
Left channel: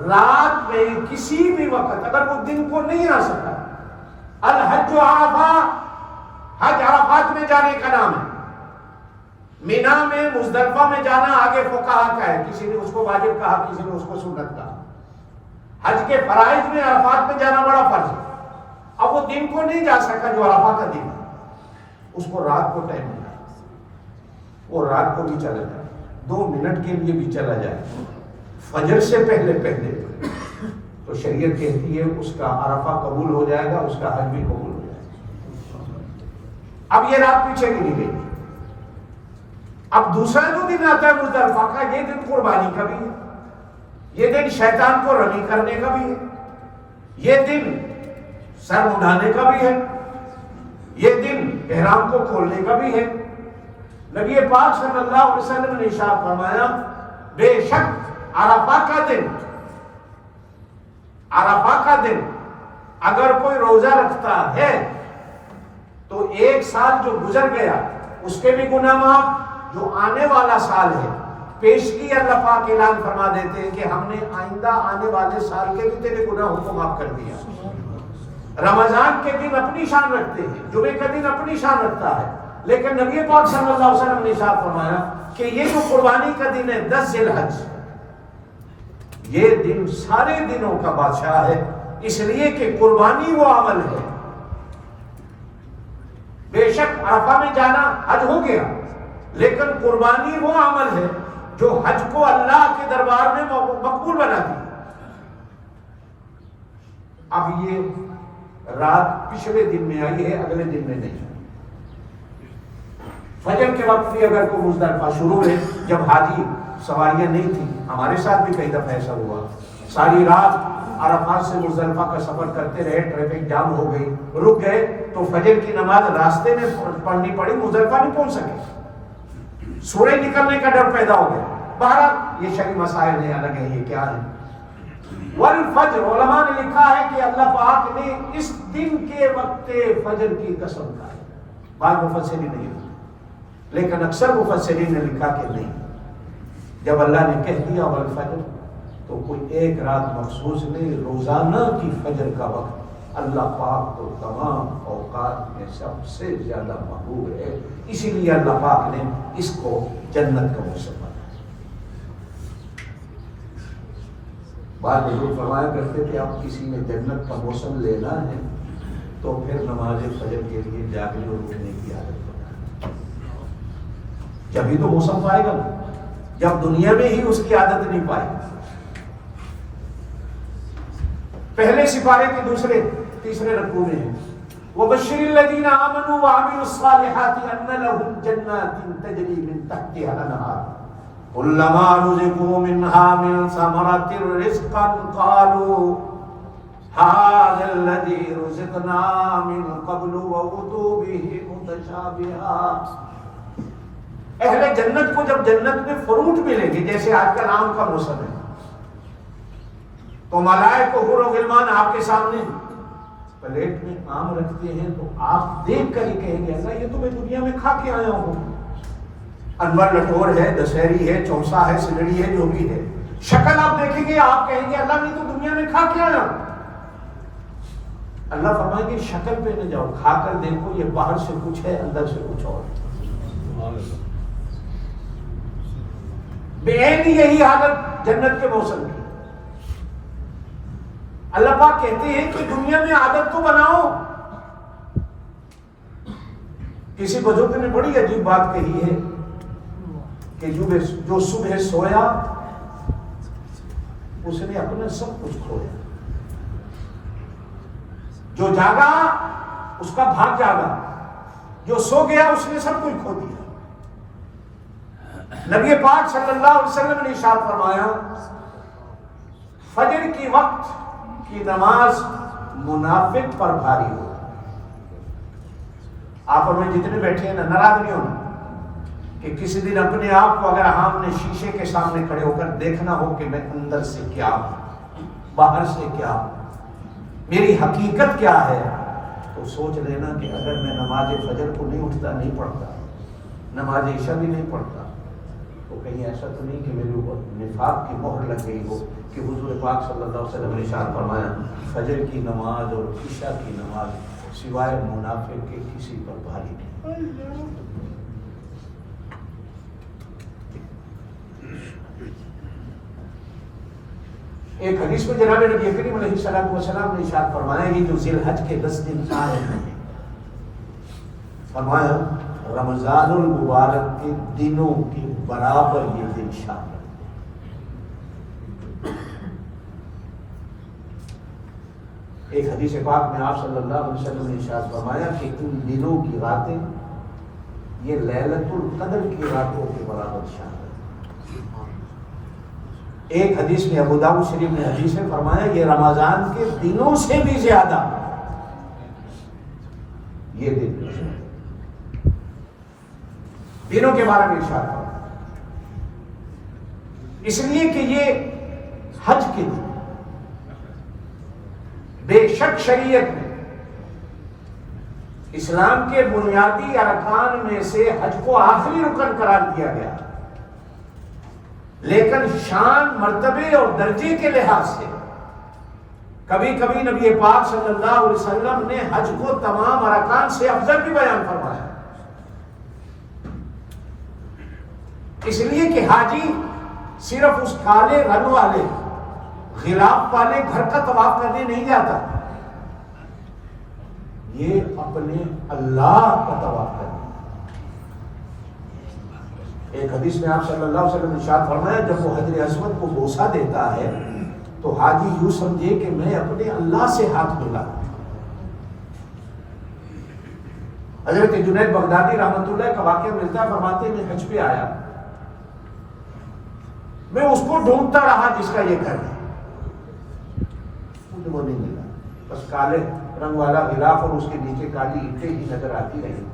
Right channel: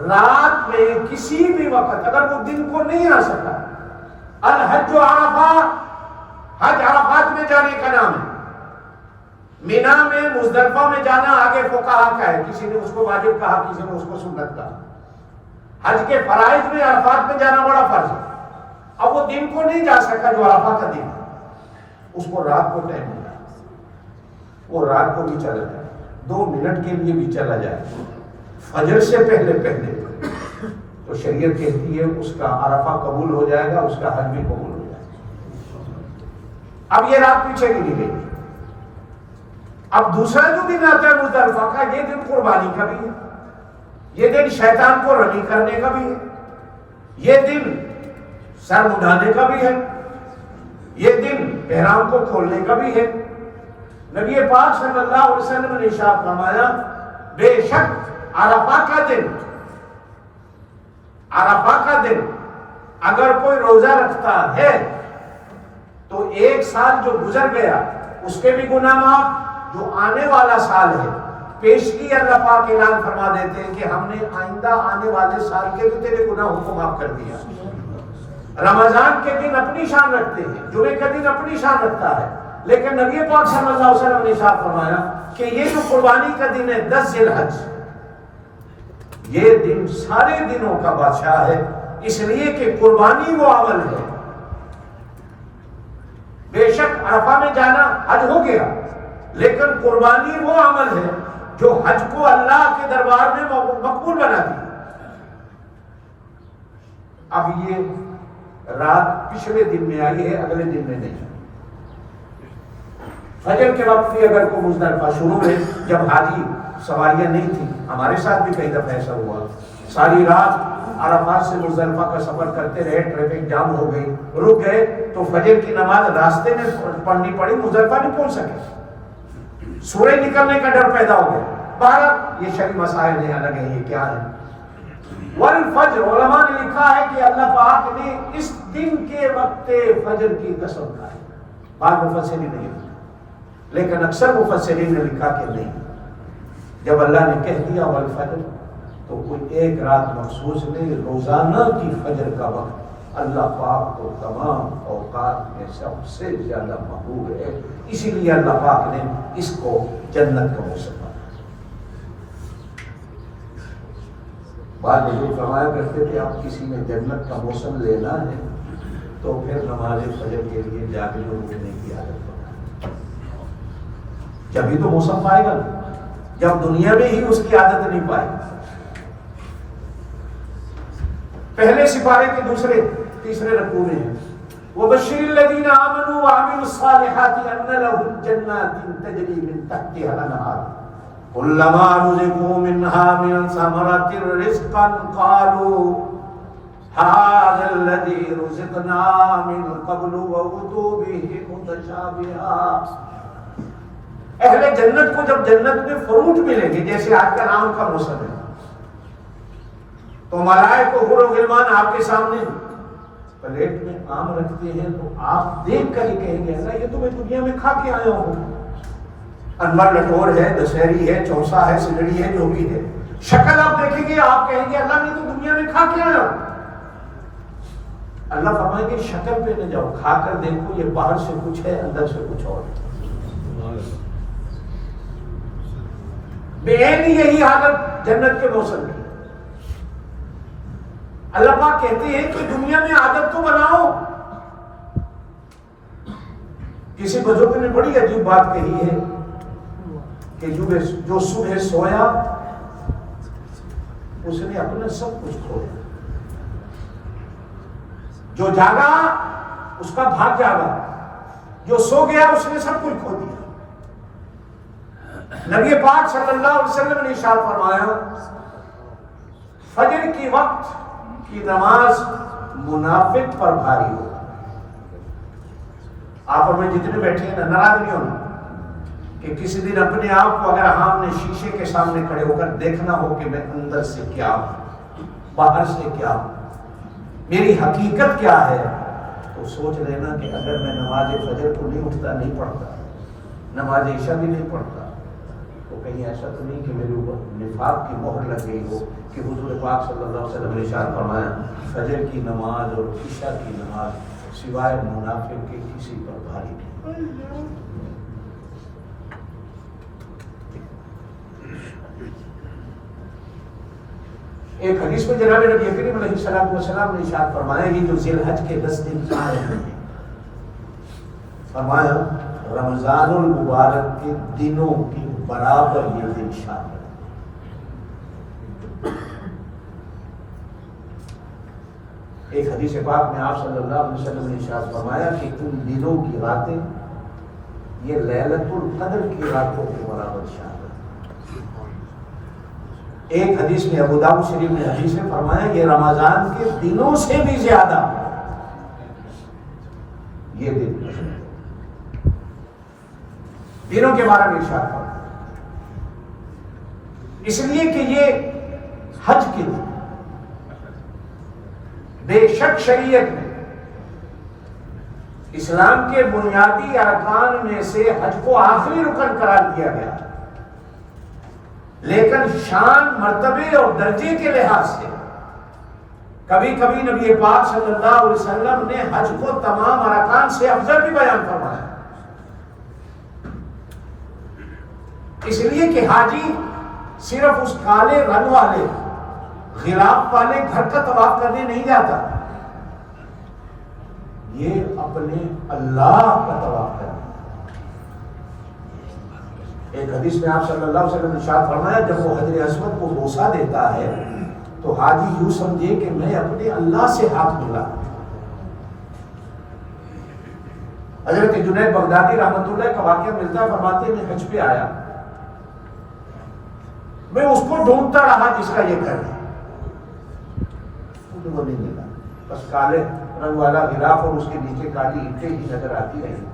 رات میں کسی بھی وقت اگر وہ دن کو نہیں آ سکا، الحج عرفہ، حج عرفات میں جانے کا نام ہے. مینا میں مزدلفہ میں جانا آگے فقہا کا ہے، کسی نے اس کو واجب کہا، کسی نے اس کو سنت کہا. حج کے فرائض میں عرفات میں جانا بڑا فرض ہے. اب وہ دن کو نہیں جا سکا جو عرفہ کا دن ہے، اس کو رات کو ٹائم ملا، وہ رات کو بھی چلا جائے، 2 منٹ کے لیے بھی چلا جائے فجر سے پہلے تو شریعت کہتی ہے اس کا عرفہ قبول ہو جائے گا، اس کا حج بھی قبول ہو جائے گا. اب یہ رات پیچھے نہیں گئی. اب دوسرا جو دن آتا ہے مزدلفہ کا، یہ دن قربانی کا بھی ہے، یہ دن شیطان کو رمی کرنے کا بھی ہے، یہ دن سر اڑانے کا بھی ہے، یہ دن احرام کو کھولنے کا بھی ہے. نبی پاک صلی اللہ علیہ وسلم نے ارشاد فرمایا بے شک عرفہ کا دن اگر کوئی روزہ رکھتا ہے تو 1 سال جو گزر گیا اس کے بھی گناہ معاف، جو آنے والا سال ہے پیشگی اللہ پاک اعلان فرما دیتے ہیں کہ ہم نے آئندہ آنے والے سال کے بھی تیرے گناہوں کو معاف کر دیا. رمضان کے دن اپنی شان رکھتے ہیں، جمعے کا دن اپنی شان رکھتا ہے، لیکن نبی پاک صلی اللہ علیہ وسلم نے ارشاد فرمایا کہ یہ جو قربانی کا دن ہے 10 ذی الحج، یہ دن سارے دنوں کا بادشاہ ہے، اس لیے کہ قربانی وہ عمل ہے. بے شک عرفہ میں جانا حج ہو گیا، لیکن قربانی وہ عمل ہے جو حج کو اللہ کے دربار میں مقبول بنا دی. اب یہ رات پچھلے دن میں آئی ہے، اگلے دن میں نہیں. فجر کے وقت بھی اگر کوئی مزدلفہ شروع ہے، جب حاجی سواریاں نہیں تھی، ہمارے ساتھ بھی کئی دفعہ ایسا ہوا، ساری رات عرفات سے مزدلفہ کا سفر کرتے رہے، ٹریفک جام ہو گئی، رک گئے تو فجر کی نماز راستے میں پڑھنی پڑی، مزدلفہ نہیں پہنچ سکے، سورج نکلنے کا ڈر پیدا ہو گیا. بہرحال یہ شرعی مسائل ہیں، الگ ہے، یہ کیا ہے. والفجر، علماء نے لکھا ہے کہ اللہ پاک نے اس دن کے وقت فجر کی قسم کھائی. بعض مفسرین نہیں، لیکن اکثر مفسرین نے لکھا کہ نہیں، جب اللہ نے کہہ دیا والفجر تو کوئی ایک رات مخصوص نہیں، روزانہ کی فجر کا وقت اللہ پاک کو تمام اوقات میں سب سے زیادہ محبوب ہے، اسی لیے اللہ پاک نے اس کو جنت کا موسم بنایا. بعد بزرگ فرمایا کرتے تھے اب کسی نے جنت کا موسم لینا ہے تو پھر نماز فجر کے لیے جاگنے اٹھنے کی عادت بنائے، جبھی تو موسم پائے گا، جب دنیا میں ہی اس کی عادت نہیں پائے. پہلے سپارے کے تیسرے رکوع میں ہے وَبَشِّرِ الَّذِينَ آمَنُوا وَعَمِلُوا الصَّالِحَاتِ أَنَّ لَهُمْ جَنَّاتٍ تَجْرِي مِن تَحْتِهَا الْأَنْهَارُ كُلَّمَا رُزِقُوا مِنْهَا مِن ثَمَرَةٍ رِزْقًا قَالُوا هَذَا الَّذِي رُزِقْنَا مِن قَبْلُ وَأُتُوا بِهِ مُتَشَابِهًا. اہل جنت کو جب جنت میں فروٹ ملیں گے، جیسے آج کل آم کا موسم ہے، تو ملائکہ کو حور و غلمان آپ کے سامنے پلیٹ میں آم رکھتے ہیں تو آپ دیکھ کر ہی کہیں گے اللہ یہ تو میں دنیا میں کھا کے آیا ہوں. انور لٹور ہے، دشہری ہے، چوسا ہے، سلڑی ہے، جو بھی ہے، شکل آپ دیکھیں گے آپ کہیں گے اللہ میں تو دنیا میں کھا کے آیا ہوں. اللہ فرمائیں گے شکل پہ نہ جاؤ، کھا کر دیکھو یہ باہر سے کچھ ہے اندر سے کچھ اور. بے عینی یہی حالت جنت کے موسم کی. اللہ پاک کہتے ہیں کہ دنیا میں عادت تو بناؤ. کسی بزرگ نے بڑی عجیب بات کہی ہے کہ جو صبح سویا اس نے اپنا سب کچھ کھویا، جو جاگا اس کا بھاگ جاگا، جو سو گیا اس نے سب کچھ کھو دیا. نبی پاک صلی اللہ علیہ وسلم نے ارشاد فرمایا فجر کی وقت کی نماز منافق پر بھاری ہو. آپ اور میں جتنے بیٹھے ہیں نا، ناراض نہیں ہونا کہ کسی دن اپنے آپ کو اگر ہم نے شیشے کے سامنے کھڑے ہو کر دیکھنا ہو کہ میں اندر سے کیا ہوں، باہر سے کیا ہوں، میری حقیقت کیا ہے، تو سوچ لینا کہ اگر میں نماز فجر کو نہیں اٹھتا، نہیں پڑھتا، نماز عشاء بھی نہیں پڑھتا، تو کہیں ایسا تو نہیں کہ میرے اوپر نفاق کی مہر لگ گئی ہو کہ حضور پاک صلی اللہ علیہ وسلم نے ارشاد فرمایا فجر کی نماز اور عشاء کی نماز سوائے منافق کے کسی پر بھاری نہیں. ایک حدیث میں جناب نبی کریم علیہ السلام نے ارشاد فرمایا یہ جو ذی الحج کے 10 دن آئے ہیں، فرمایا رمضان المبارک کے دنوں کے برابر یہ دن شامل. ایک حدیث پاک میں آپ صلی اللہ علیہ وسلم نے ارشاد فرمایا کہ ان دنوں کی راتیں یہ لیلۃ القدر کی راتوں کے برابر شامل. ایک حدیث میں ابو داؤد شریف نے حدیث میں فرمایا یہ رمضان کے دنوں سے بھی زیادہ یہ دن دنوں کے بارے میں ارشاد فرمایا، اس لیے کہ یہ حج کے دن. بے شک شریعت میں اسلام کے بنیادی ارکان میں سے حج کو آخری رکن قرار دیا گیا. لیکن شان مرتبے اور درجے کے لحاظ سے کبھی کبھی نبی پاک صلی اللہ علیہ وسلم نے حج کو تمام ارکان سے افضل بھی بیان فرمایا، اس لیے کہ حاجی صرف اس کالے رنگ والے غلاف والے گھر کا طواف کرنے نہیں جاتا، یہ اپنے اللہ کا طواف کرنا۔ ایک حدیث میں آپ صلی اللہ علیہ وسلم نے ارشاد فرمایا، جب وہ حجر اسود کو بوسہ دیتا ہے تو حاجی یوں سمجھے کہ میں اپنے اللہ سے ہاتھ ملا۔ حضرت جنید بغدادی رحمۃ اللہ کا واقعہ ملتا ہے، فرماتے ہیں میں حج پہ آیا، میں اس کو ڈھونڈتا رہا جس کا یہ گھر ہے، مجھے وہ نہیں ملا، بس کالے رنگ والا غلاف اور اس کے نیچے کالی اینٹیں ہی نظر آتی رہی۔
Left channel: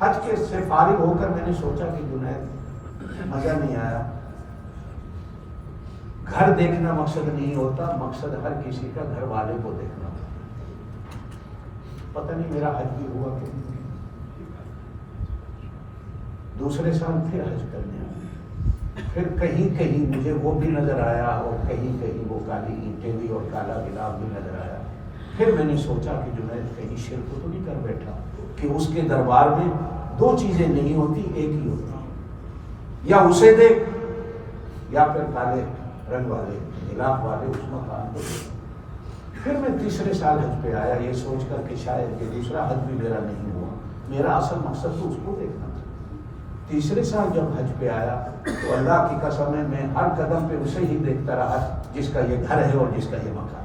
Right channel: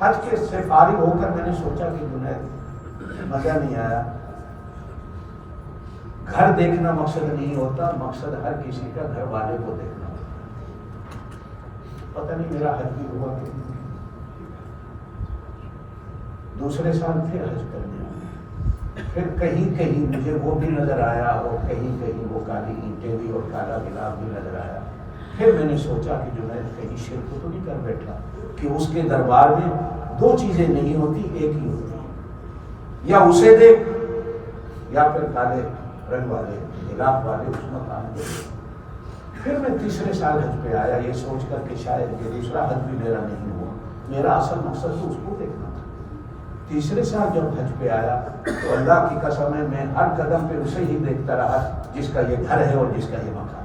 حج کے سے فارغ ہو کر میں نے سوچا کہ جنید مزہ نہیں آیا، گھر دیکھنا مقصد نہیں ہوتا، مقصد ہر کسی کا گھر والے کو دیکھنا ہوتا۔ پتہ نہیں میرا حج بھی ہوا کہ دوسرے سال پھر حج کرنے آیا، پھر کہیں کہیں مجھے وہ بھی نظر آیا اور کہیں کہیں وہ کالی اینٹیں بھی اور کالا غلاف بھی نظر آیا۔ پھر میں نے سوچا کہ جنید کہیں شرک تو نہیں کر بیٹھا کہ اس کے دربار میں دو چیزیں نہیں ہوتی، ایک ہی ہوتی، یا اسے دیکھ یا پھر کالے رنگ والے غلاف والے اس مقام کو دیکھ۔ پھر میں تیسرے سال حج پہ آیا یہ سوچ کر کہ شاید یہ دوسرا حج بھی میرا نہیں ہوا، میرا اصل مقصد تو اس کو دیکھنا تھا۔ تیسرے سال جب حج پہ آیا تو اللہ کی قسم ہے میں ہر قدم پہ اسے ہی دیکھتا رہا جس کا یہ گھر ہے اور جس کا یہ مقام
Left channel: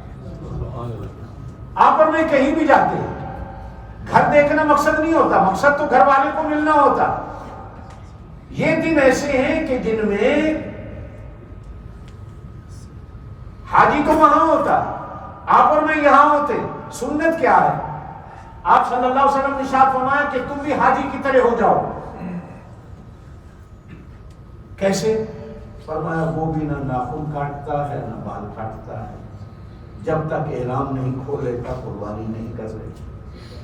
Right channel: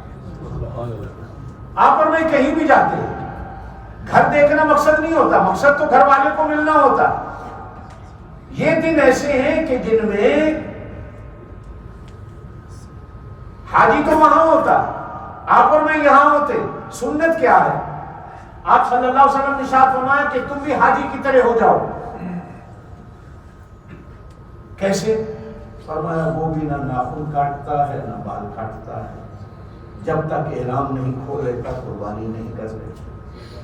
ہے۔ آپ اور میں کہیں بھی جاتے ہیں، گھر دیکھنا مقصد نہیں ہوتا، مقصد تو گھر والے کو ملنا ہوتا۔ یہ دن ایسے ہیں کہ جن میں حاجی تو وہاں ہوتا، آپ اور میں یہاں ہوتے۔ سنت کیا ہے؟ آپ صلی اللہ علیہ وسلم نے ارشاد فرمایا کہ تم بھی حاجی کی طرح ہو جاؤ۔ کیسے؟ فرمایا وہ بھی نہ ناخن کاٹتا ہے نہ بال کاٹتا ہے، جب تک احرام نہیں کھولے تک قربانی نہیں کر لے۔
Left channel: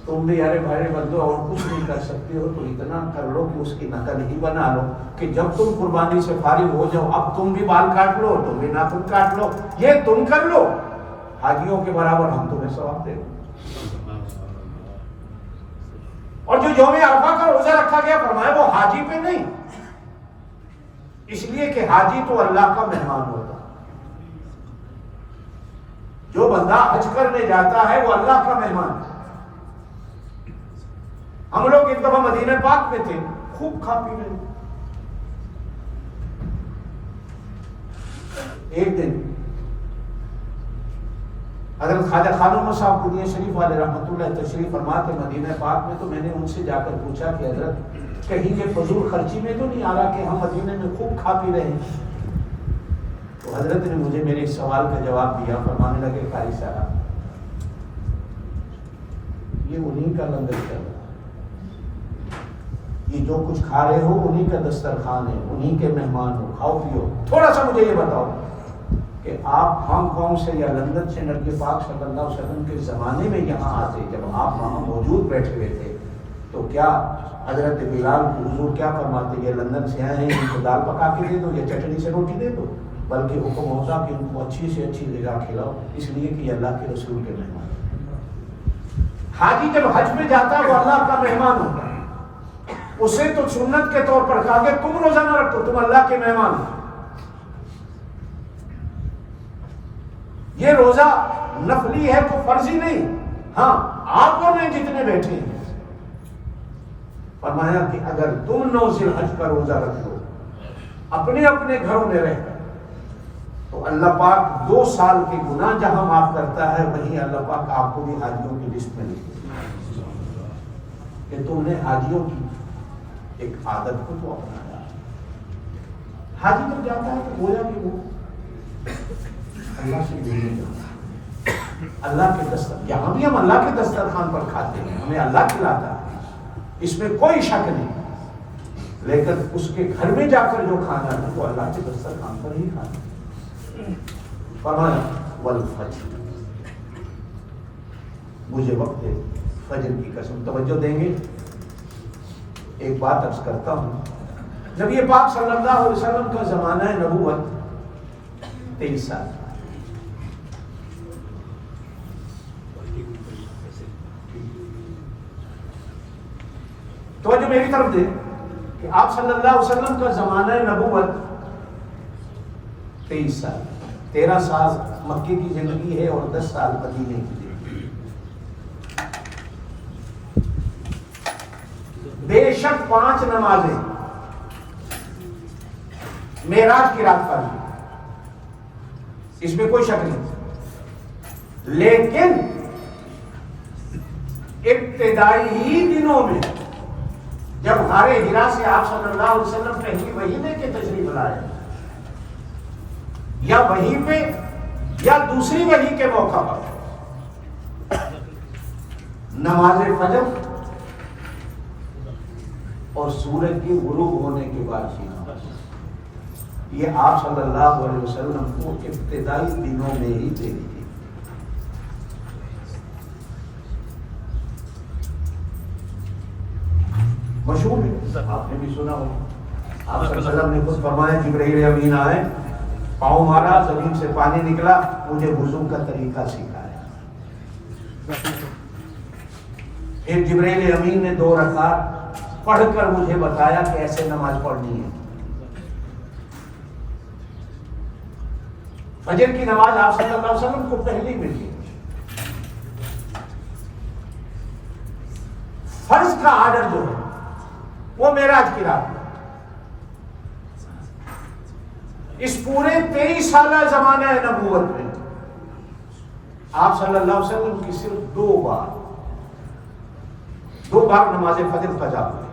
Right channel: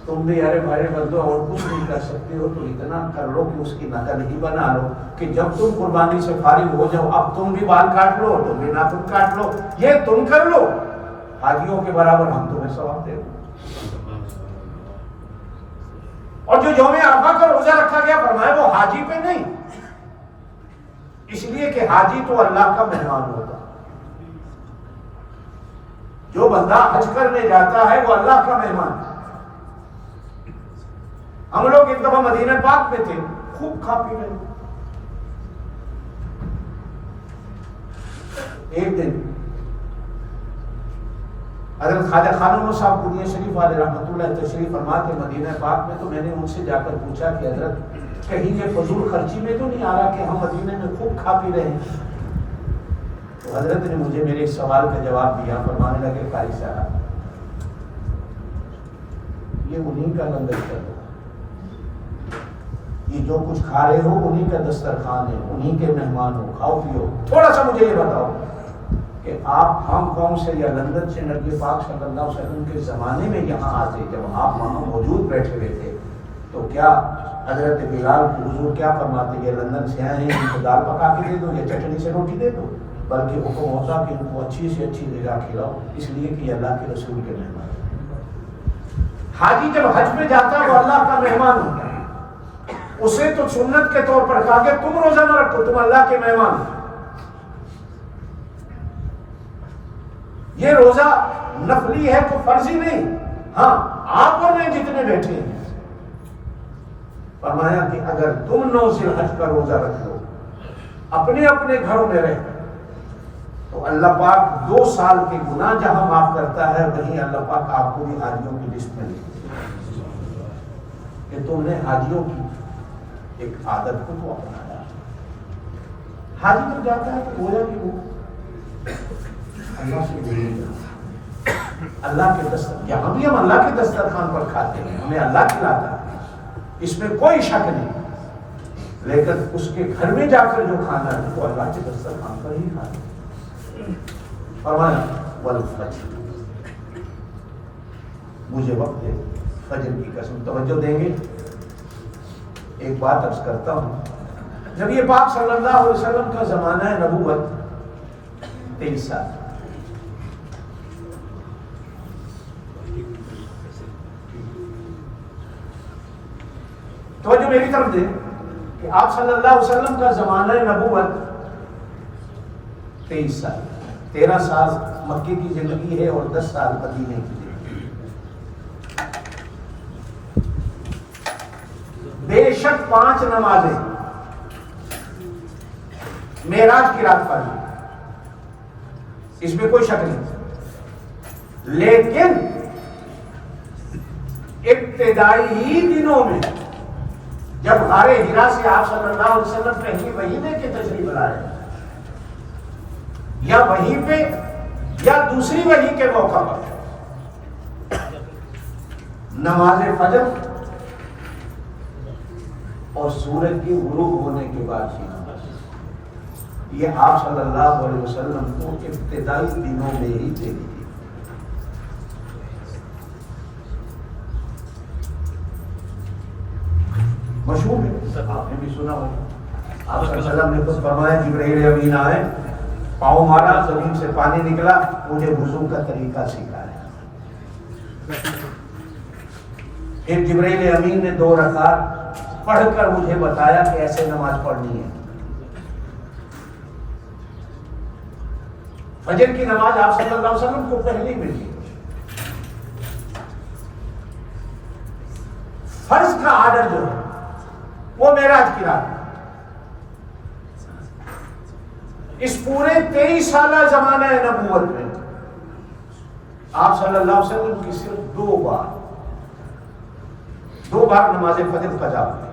تم بھی ارے بھائی بندو اور کچھ نہیں کر سکتے ہو تو اتنا کر لو کہ اس کی نقل ہی بنا لو کہ جب تم قربانی سے فارغ ہو جاؤ اب تم بھی بال کاٹ لو، تم بھی ناخن کاٹ لو، یہ تم کر لو، حاجیوں کے برابر ہم تمہیں ثواب دیں۔ اور جو یوم عرفہ کا روزہ رکھا گیا فرمایا وہ حاجی پہ نہیں، اس لیے کہ حاجی تو اللہ کا مہمان ہوتا، جو بندہ حج کرنے جاتا ہے وہ اللہ کا مہمان ہے۔ ہم لوگ ایک دفعہ مدینہ پاک میں تھے، خوب کھا پی رہے، ایک دن حضرت خواجہ خانم صاحب قدیہ شریف والے رحمۃ اللہ تشریف فرما تھے مدینہ پاک میں، تو میں نے ان سے جا کر پوچھا کہ حضرت کہیں یہ فضول خرچی میں تو نہیں آ رہا کہ ہم مدینہ میں خوب کھا پی رہے ہیں؟ تو حضرت نے مجھے میرے اس سوال کا جواب دیا، فرمانے لگے قاری صاحب یہ انہی کا لنگر چلو، یہ جو کچھ کھا رہے ہو انہی کا دسترخوان ہے، انہی کے مہمان ہو، کھاؤ پیو۔ تھوڑا سا مجھے یہ بتاؤ کہ آپ ہانگ کانگ سے یا لندن سے نبی پاک صلی اللہ علیہ وسلم کے زمانے میں یہاں آتے، جب آپ وہاں موجود بیٹھے ہوئے تھے تو کیا حضرت بلال کو حضور کیا فرماتے یہ لندن سے آئے ہیں ان کو دال پکا کے دے دو یا چٹنی سے روٹی دے دو؟ بلکہ حکم ہوتا کہ ان کو اچھی سے اچھی غذا کھلاؤ، اس لیے کہ یہ اللہ کے رسول کے مہمان ہیں۔ حاجی جب حج میں جاتا ہے وہ اللہ کا مہمان ہوتا ہے، اسے تو سنت کے طور پر کہا کہ تم روزہ نہ رکھو، تم اللہ کے مہمان ہو۔ یہ روزہ نفلی ہے تو فرضی نہیں، ہاں آپ اور میں جتنے بیٹھے ہیں فرمایا کہ اگر تم 9 ذی الحج کا روزہ رکھ لو اپنے اپنے گھروں میں رہ کر تو اللہ پاک 2 سال کے گناہ جہاں معاف کرتا ہے وہیں اللہ پاک آپ کو بھی حاجیوں کی لسٹ میں لکھ کہ تم نے حاجیوں کی ایک عادت کو تو اپنایا۔ حاجی جب جاتا ہے تو گویا کہ وہ اللہ سے جڑے گا، اللہ کے دسترخوان، یہاں بھی ہم اللہ کے دسترخوان پر کھاتے ہیں، ہمیں اللہ کھلاتا ہے، اس میں کوئی شک نہیں، لیکن اس کے گھر میں جا کر جو کھانا ہے وہ اللہ کے دسترخوان پر ہی کھانا ہے۔ فرمایا والفجر، مجھے وقت ہے فجر کی قسم، توجہ دیں گے؟ ایک بات عرض کرتا ہوں، نبی پاک صلی اللہ علیہ وسلم کا زمانہ نبوت 23 سال. توجہ میری طرف دے کہ آپ صلی اللہ علیہ وسلم کا زمانہ نبوت 23 سال. 13 سال مکے کی زندگی ہے اور 10 سال مدینے کی زندگی. بے شک 5 نمازیں معراج کی رات پڑھی، اس میں کوئی شک نہیں، لیکن ابتدائی دنوں میں جب غار حرا سے آپ صلی اللہ علیہ وسلم پہلی وحی دے کے تشریف لائے، یا وہیں پہ یا دوسری وحی کے موقع پر نماز فجر اور سورج کی غروب ہونے کے بعد ہی یہ آپ صلی اللہ علیہ وسلم کو ابتدائی دنوں میں ہی دے دی. مشہور ہے، آپ نے بھی سنا ہو. آپ صلی اللہ علیہ وسلم نے خود فرمایا جبرائیل امین آئے، پاؤں مارا، زمین سے پانی نکلا، مجھے وضو کا طریقہ سکھایا. پھر جبرائیل امین نے 2 رکعت پڑھ کر مجھے بتایا کہ ایسے نماز پڑھنی ہے. فجر کی نماز آپ صلی اللہ علیہ وسلم کو پہلی ملی. فرض کا آرڈر جو ہے وہ معراج کی رات ہے. اس پورے 23 سالہ زمانہ نبوت میں آپ صلی اللہ علیہ وسلم کی صرف 2 بار نماز فجر قضا ہوئی.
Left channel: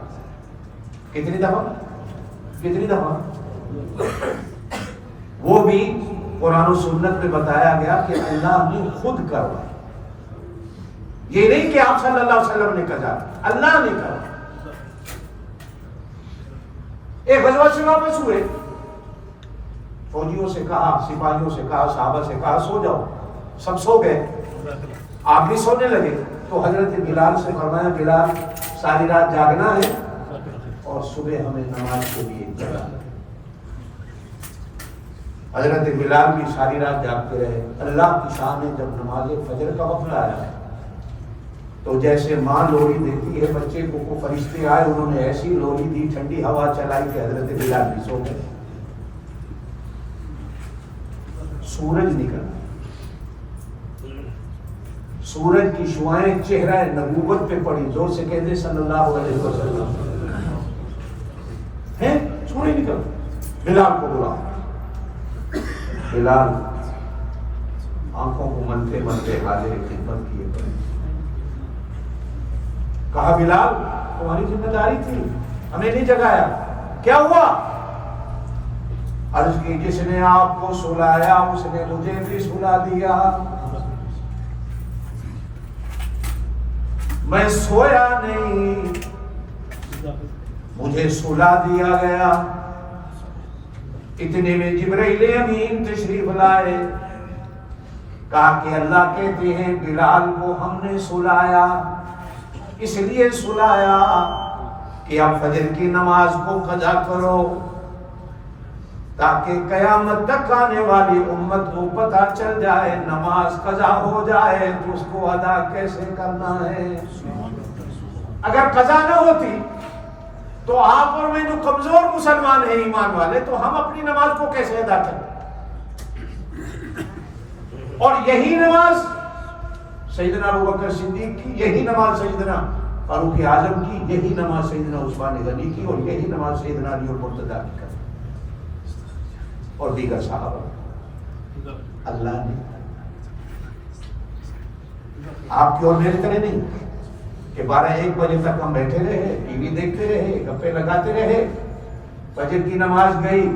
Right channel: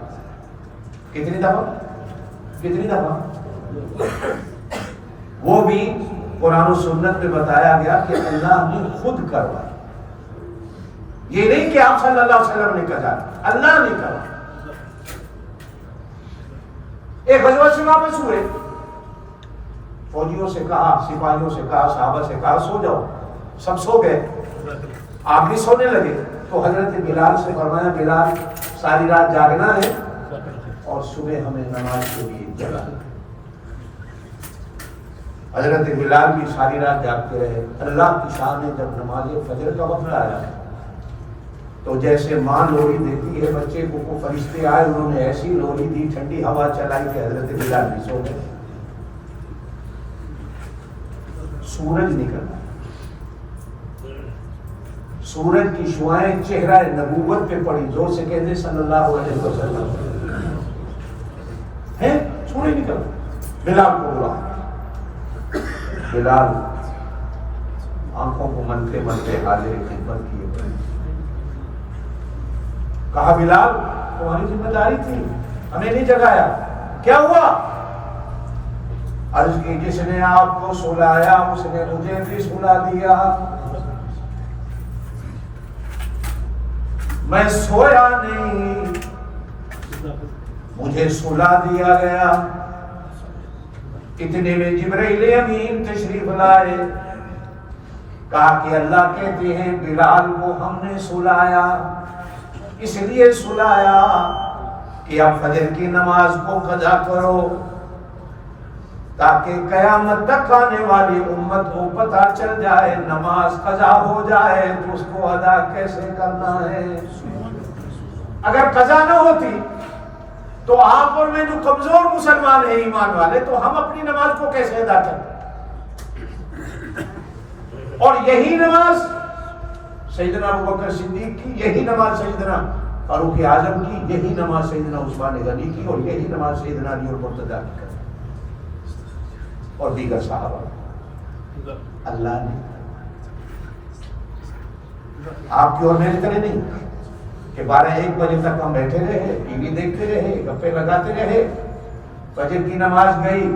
کتنی دفعہ؟ وہ بھی قرآن و سنت میں بتایا گیا کہ اللہ نے خود کروائی. یہ نہیں کہ آپ صلی اللہ علیہ وسلم نے قضا، اللہ نے کروائی. ایک غزوہ سے واپس ہوئے، فوجیوں سے کہا، سپاہیوں سے کہا، صحابہ سے کہا سو جاؤ. سب سو گئے، آپ بھی سونے لگے. تو حضرت بلال سے فرمایا بلال ساری رات جاگنا ہے اور صبح ہمیں نماز کے لیے جگانا. حضرت بلال بھی ساری رات جاگتے رہے. اللہ کی شان ہے، جب نماز فجر کا وقت آیا تو جیسے ماں لوری دیتی ہے بچے کو، فرشتے آئے، انہوں نے ایسی لوری دی، ٹھنڈی ہوا چلائی کہ حضرت بلال بھی سو گئے. سورج نکلا، سورج کی شعائیں چہرہ نبوت پہ پڑی. زور سے کہتے صلی اللہ علیہ وسلم ہے. سورج نکلا، بلال کو بلا. بلال آنکھوں کو منتے منتے حاضر خدمت کیے. کہا بلال تمہاری ذمہ داری تھی، ہمیں نہیں جگایا، کیا ہوا؟ عرض کی جس نے آپ کو سلایا اس نے مجھے بھی سلا دیا. میں سویا نہیں، مجھے سلا دیا گیا. اتنے میں جبرائیل امین تشریف لائے. کہا کہ اللہ کہتے ہیں بلال کو ہم نے سلایا، اس لیے سلایا کہ اب فجر کی نماز کو قضا کرو تاکہ قیامت تک آنے والی امت کو پتہ چل جائے نماز قضا ہو جائے تو اس کو ادا کیسے کرنا ہے. اگر قضا نہ ہوتی تو آپ اور میں جو کمزور مسلمان ہیں ایمان والے، تو ہم اپنی نماز کو کیسے ادا کریں؟ اور یہی نماز سیدنا ابوبکر صدیق کی، یہی نماز سیدنا فاروق اعظم کی، یہی نماز سیدنا عثمان غنی کی، اور یہی نماز سیدنا علی المرتضیٰ کی اور دیگر صحابہ. اللہ نے آپ کی اور میری طرح نہیں کہ 12-1 بجے تک ہم بیٹھے رہے، ٹی وی دیکھتے رہے، گپے لگاتے رہے. فجر کی نماز گئی.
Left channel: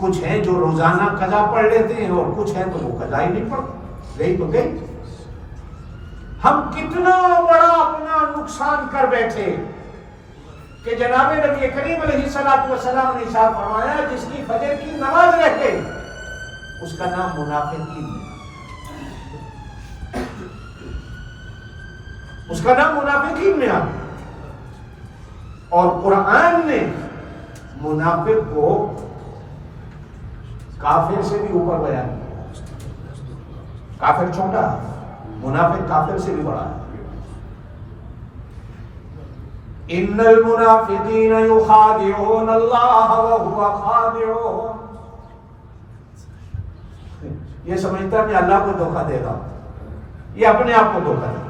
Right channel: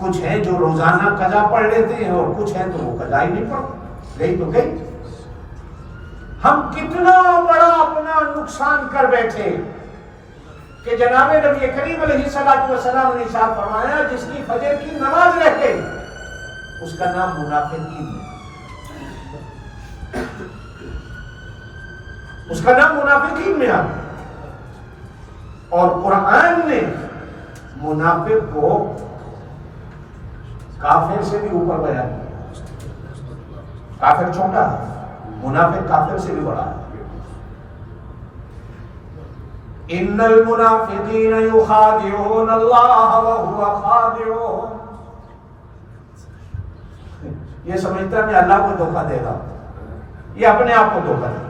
کچھ ہیں جو روزانہ قضا پڑھ لیتے ہیں اور کچھ ہیں تو وہ قضا ہی نہیں پڑھتے. گئی تو گئی. ہم کتنا بڑا اپنا نقصان کر بیٹھے کہ جناب نبی کریم علیہ الصلوۃ والسلام نے ارشاد فرمایا جس کی فجر کی نماز رہ گئی اس کا نام منافقین ہے. اس کا نام منافقین میں آ. اور قرآن نے منافق کو کافر سے بھی اوپر بیان کیا. کافر چھوٹا ہے, منافق کافر سے بھی بڑا ہے. ان المنافقین یخادعون اللہ وهو خادعهم. یہ سمجھتا ہے کہ اللہ کو دھوکہ دے گا, یہ اپنے آپ کو دھوکہ دے گا.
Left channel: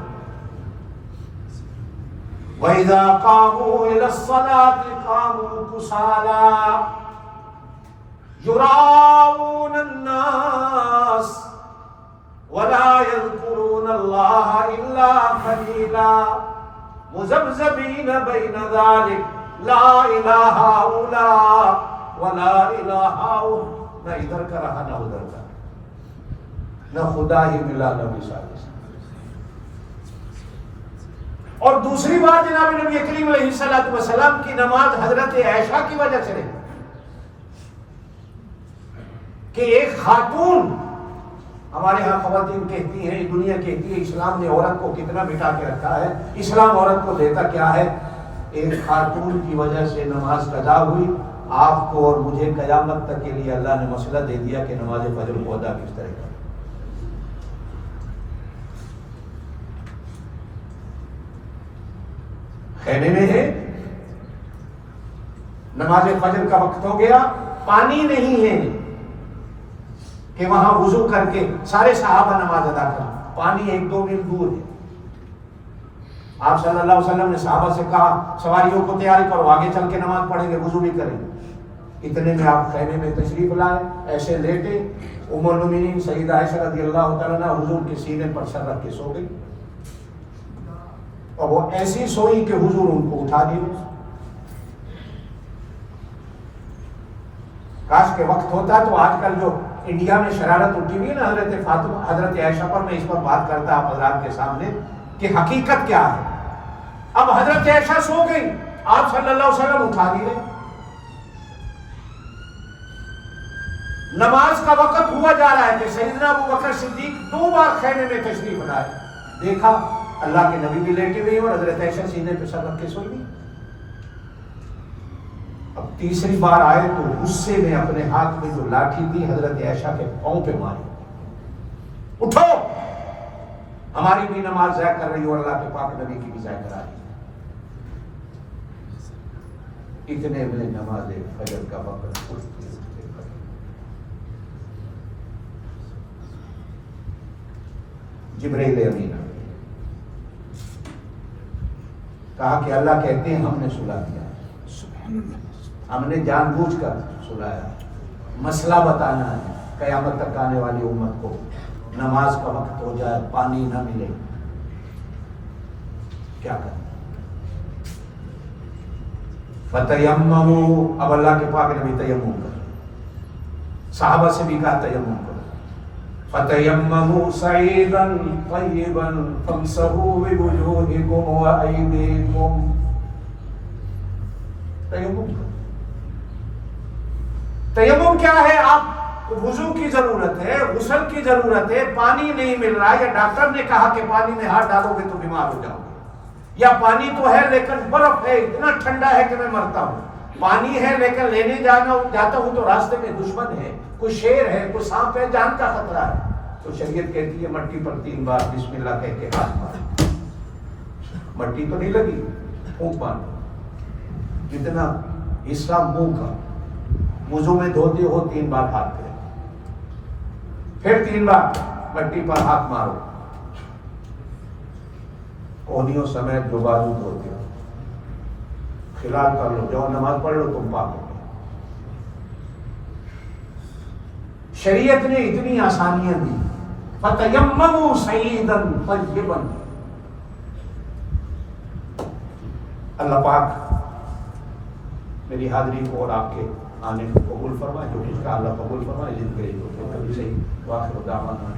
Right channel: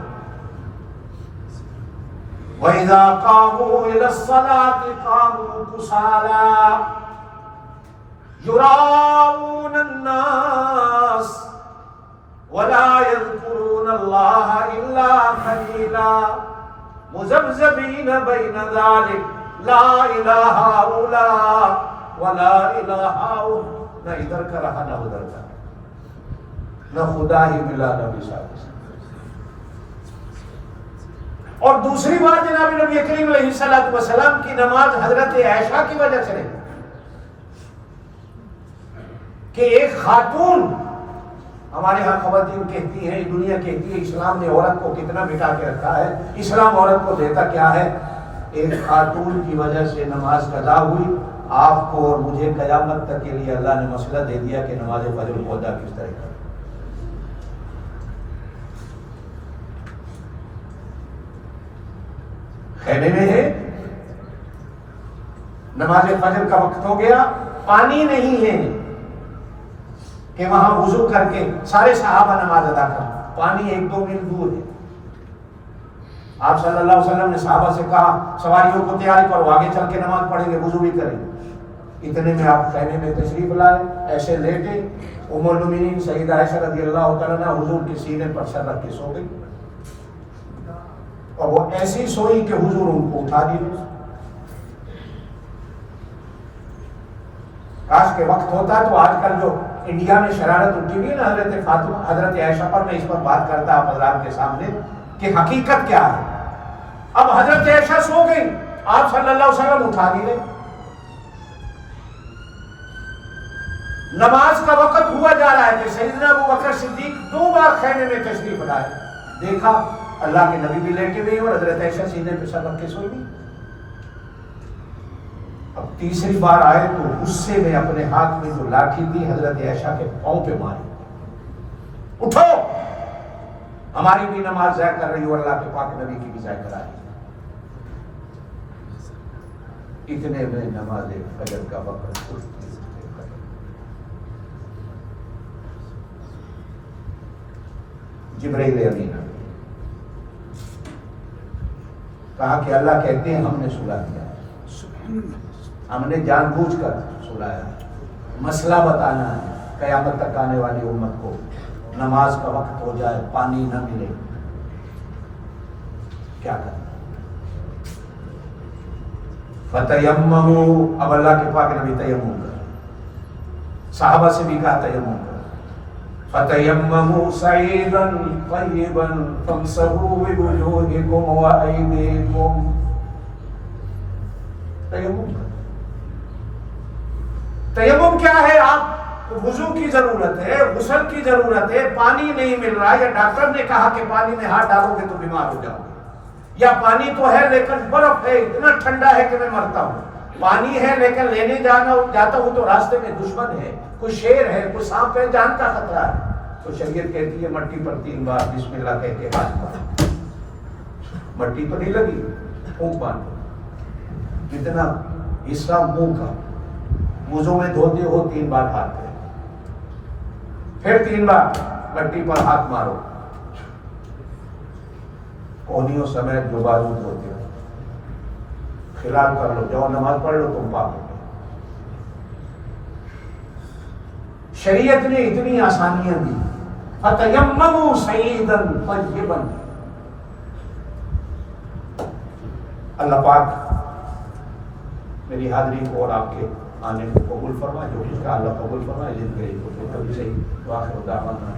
وَإِذَا قَامُوا إِلَى الصَّلَاةِ قَامُوا كُسَالَىٰ يُرَاءُونَ النَّاسَ وَلَا يَذْكُرُونَ اللَّهَ إِلَّا قَلِيلًا مُذَبْذَبِينَ بَيْنَ ذَلِكَ لَا إِلَىٰ هَٰؤُلَاءِ وَلَا إِلَىٰ هَٰؤُلَاءِ. نہ ادھر کا رہا نہ ادھر کا, نہ خدا ہی ملا نہ مثال. اور دوسری بات جناب نبی کریم علیہ السلام کی نماز حضرت عائشہ کی وجہ سے نہیں کہ ایک خاتون, ہمارے ہاں خواتین کہتی ہیں, دنیا کہتی ہے اسلام نے عورت کو کتنا مٹا کے رکھا ہے, اسلام عورت کو دیتا کیا ہے. ایک خاتون کی وجہ سے نماز قضا ہوئی. آپ کو اور مجھے قیامت تک کے لیے اللہ نے مسئلہ دے دیا کہ نماز فجر کو ادا کس طرح کریں. خیمے میں ہے, نماز فجر کا وقت ہو گیا, پانی نہیں ہے کہ وہاں وضو کر کے سارے صحابہ نماز ادا کریں, پانی 1-2 میل دور ہے. آپ صلی اللہ علیہ وسلم نے صحابہ سے کہا سواریوں کو تیاری کرو, آگے چل کے نماز پڑھیں گے, وضو بھی کریں گے. اتنے میں آپ خیمے میں تشریف لائے, ایسے لیٹے. ام المؤمنین سیدہ عائشہ رضی اللہ تعالیٰ عنہا حضور کے سینے پر سر رکھ کے سو گئی, اور وہ ایسی سوئی کہ حضور ان کو اٹھا دیے. کاش کے وقت ہوتا تو آج کل جو انڈیا میں شرارت اٹھی ہوئی ہے نا حضرت فاطمہ حضرت عائشہ پر, میں اس پر بات کرتا آپ حضرات کے سامنے کہ حقیقت کیا ہے. اب حضرت عائشہ سو گئی, آپ صلی اللہ علیہ وسلم اٹھا دیے. نماز کا وقت ہوا جا رہا ہے کہ سیدنا ابو بکر صدیق 2 بار خیمے میں تشریف لائے. دیکھا اللہ کے نبی بھی لیٹے ہوئے اور حضرت عائشہ سینے پہ سر رکھ کے سوئی گئی. اب تیسری بار آئے تو غصے میں اپنے ہاتھ میں جو لاٹھی تھی حضرت عائشہ کے پاؤں پہ ماری. اٹھو, ہماری بھی نماز ضائع کر رہی ہو, اللہ کے پاک نبی کی بھی ضائع کرا رہی. اتنے میں نماز فجر کا وقت. جبرائیل امین کہا کہ اللہ کہتے ہیں ہم نے سلا دیا, ہم نے جان بوجھ کر سلایا. مسئلہ بتانا ہے قیامت تک آنے والی امت کو, نماز کا وقت ہو جائے, پانی نہ ملے, کیا کرنا. فتیمموا, اب اللہ کے پاک نبی تیمم کر, صحابہ سے بھی کہا تیمم کر. فتیمموا صعیدا طیبا فامسحوا بوجوہکم وایدیکم. تیمم کر. تیمم کیا ہے؟ آپ وضو کی ضرورت ہے, غسل کی ضرورت ہے, پانی نہیں مل رہا, یا ڈاکٹر نے کہا کہ پانی میں ہاتھ ڈالو گے تو بیمار ہو جاؤ گے, یا پانی تو ہے لیکن برف ہے, اتنا ٹھنڈا ہے کہ میں مرتا ہوں. پانی ہے لیکن لینے جاتا ہوں تو راستے میں دشمن ہے, کوئی شیر ہے, کوئی سانپ ہے, جان کا خطرہ ہے. تو شریعت کہتی ہے مٹی پر 3 بار بسم اللہ کہہ کے ہاتھ مارو. مٹی تو نہیں لگی, پھونک مارو. جتنا حصہ منہ کا وضو میں دھوتے ہو 3 بار ہاتھ کرے, پھر 3 بار مٹی پر ہاتھ مارو. کونیوں سمیت جو بازو دھوتے ہو خلال کر لو, جاؤ نماز پڑھ لو, تم پاک ہو. شریعت نے اتنی آسانیاں دی. فتیمموا صعیدا طیبا. اللہ پاک میری حاضری کو اور آپ کے آنے کو قبول فرمائے, جو کچھ کا اللہ قبول فرمائے. زندگی کو کبھی صحیح. واخر دعوانا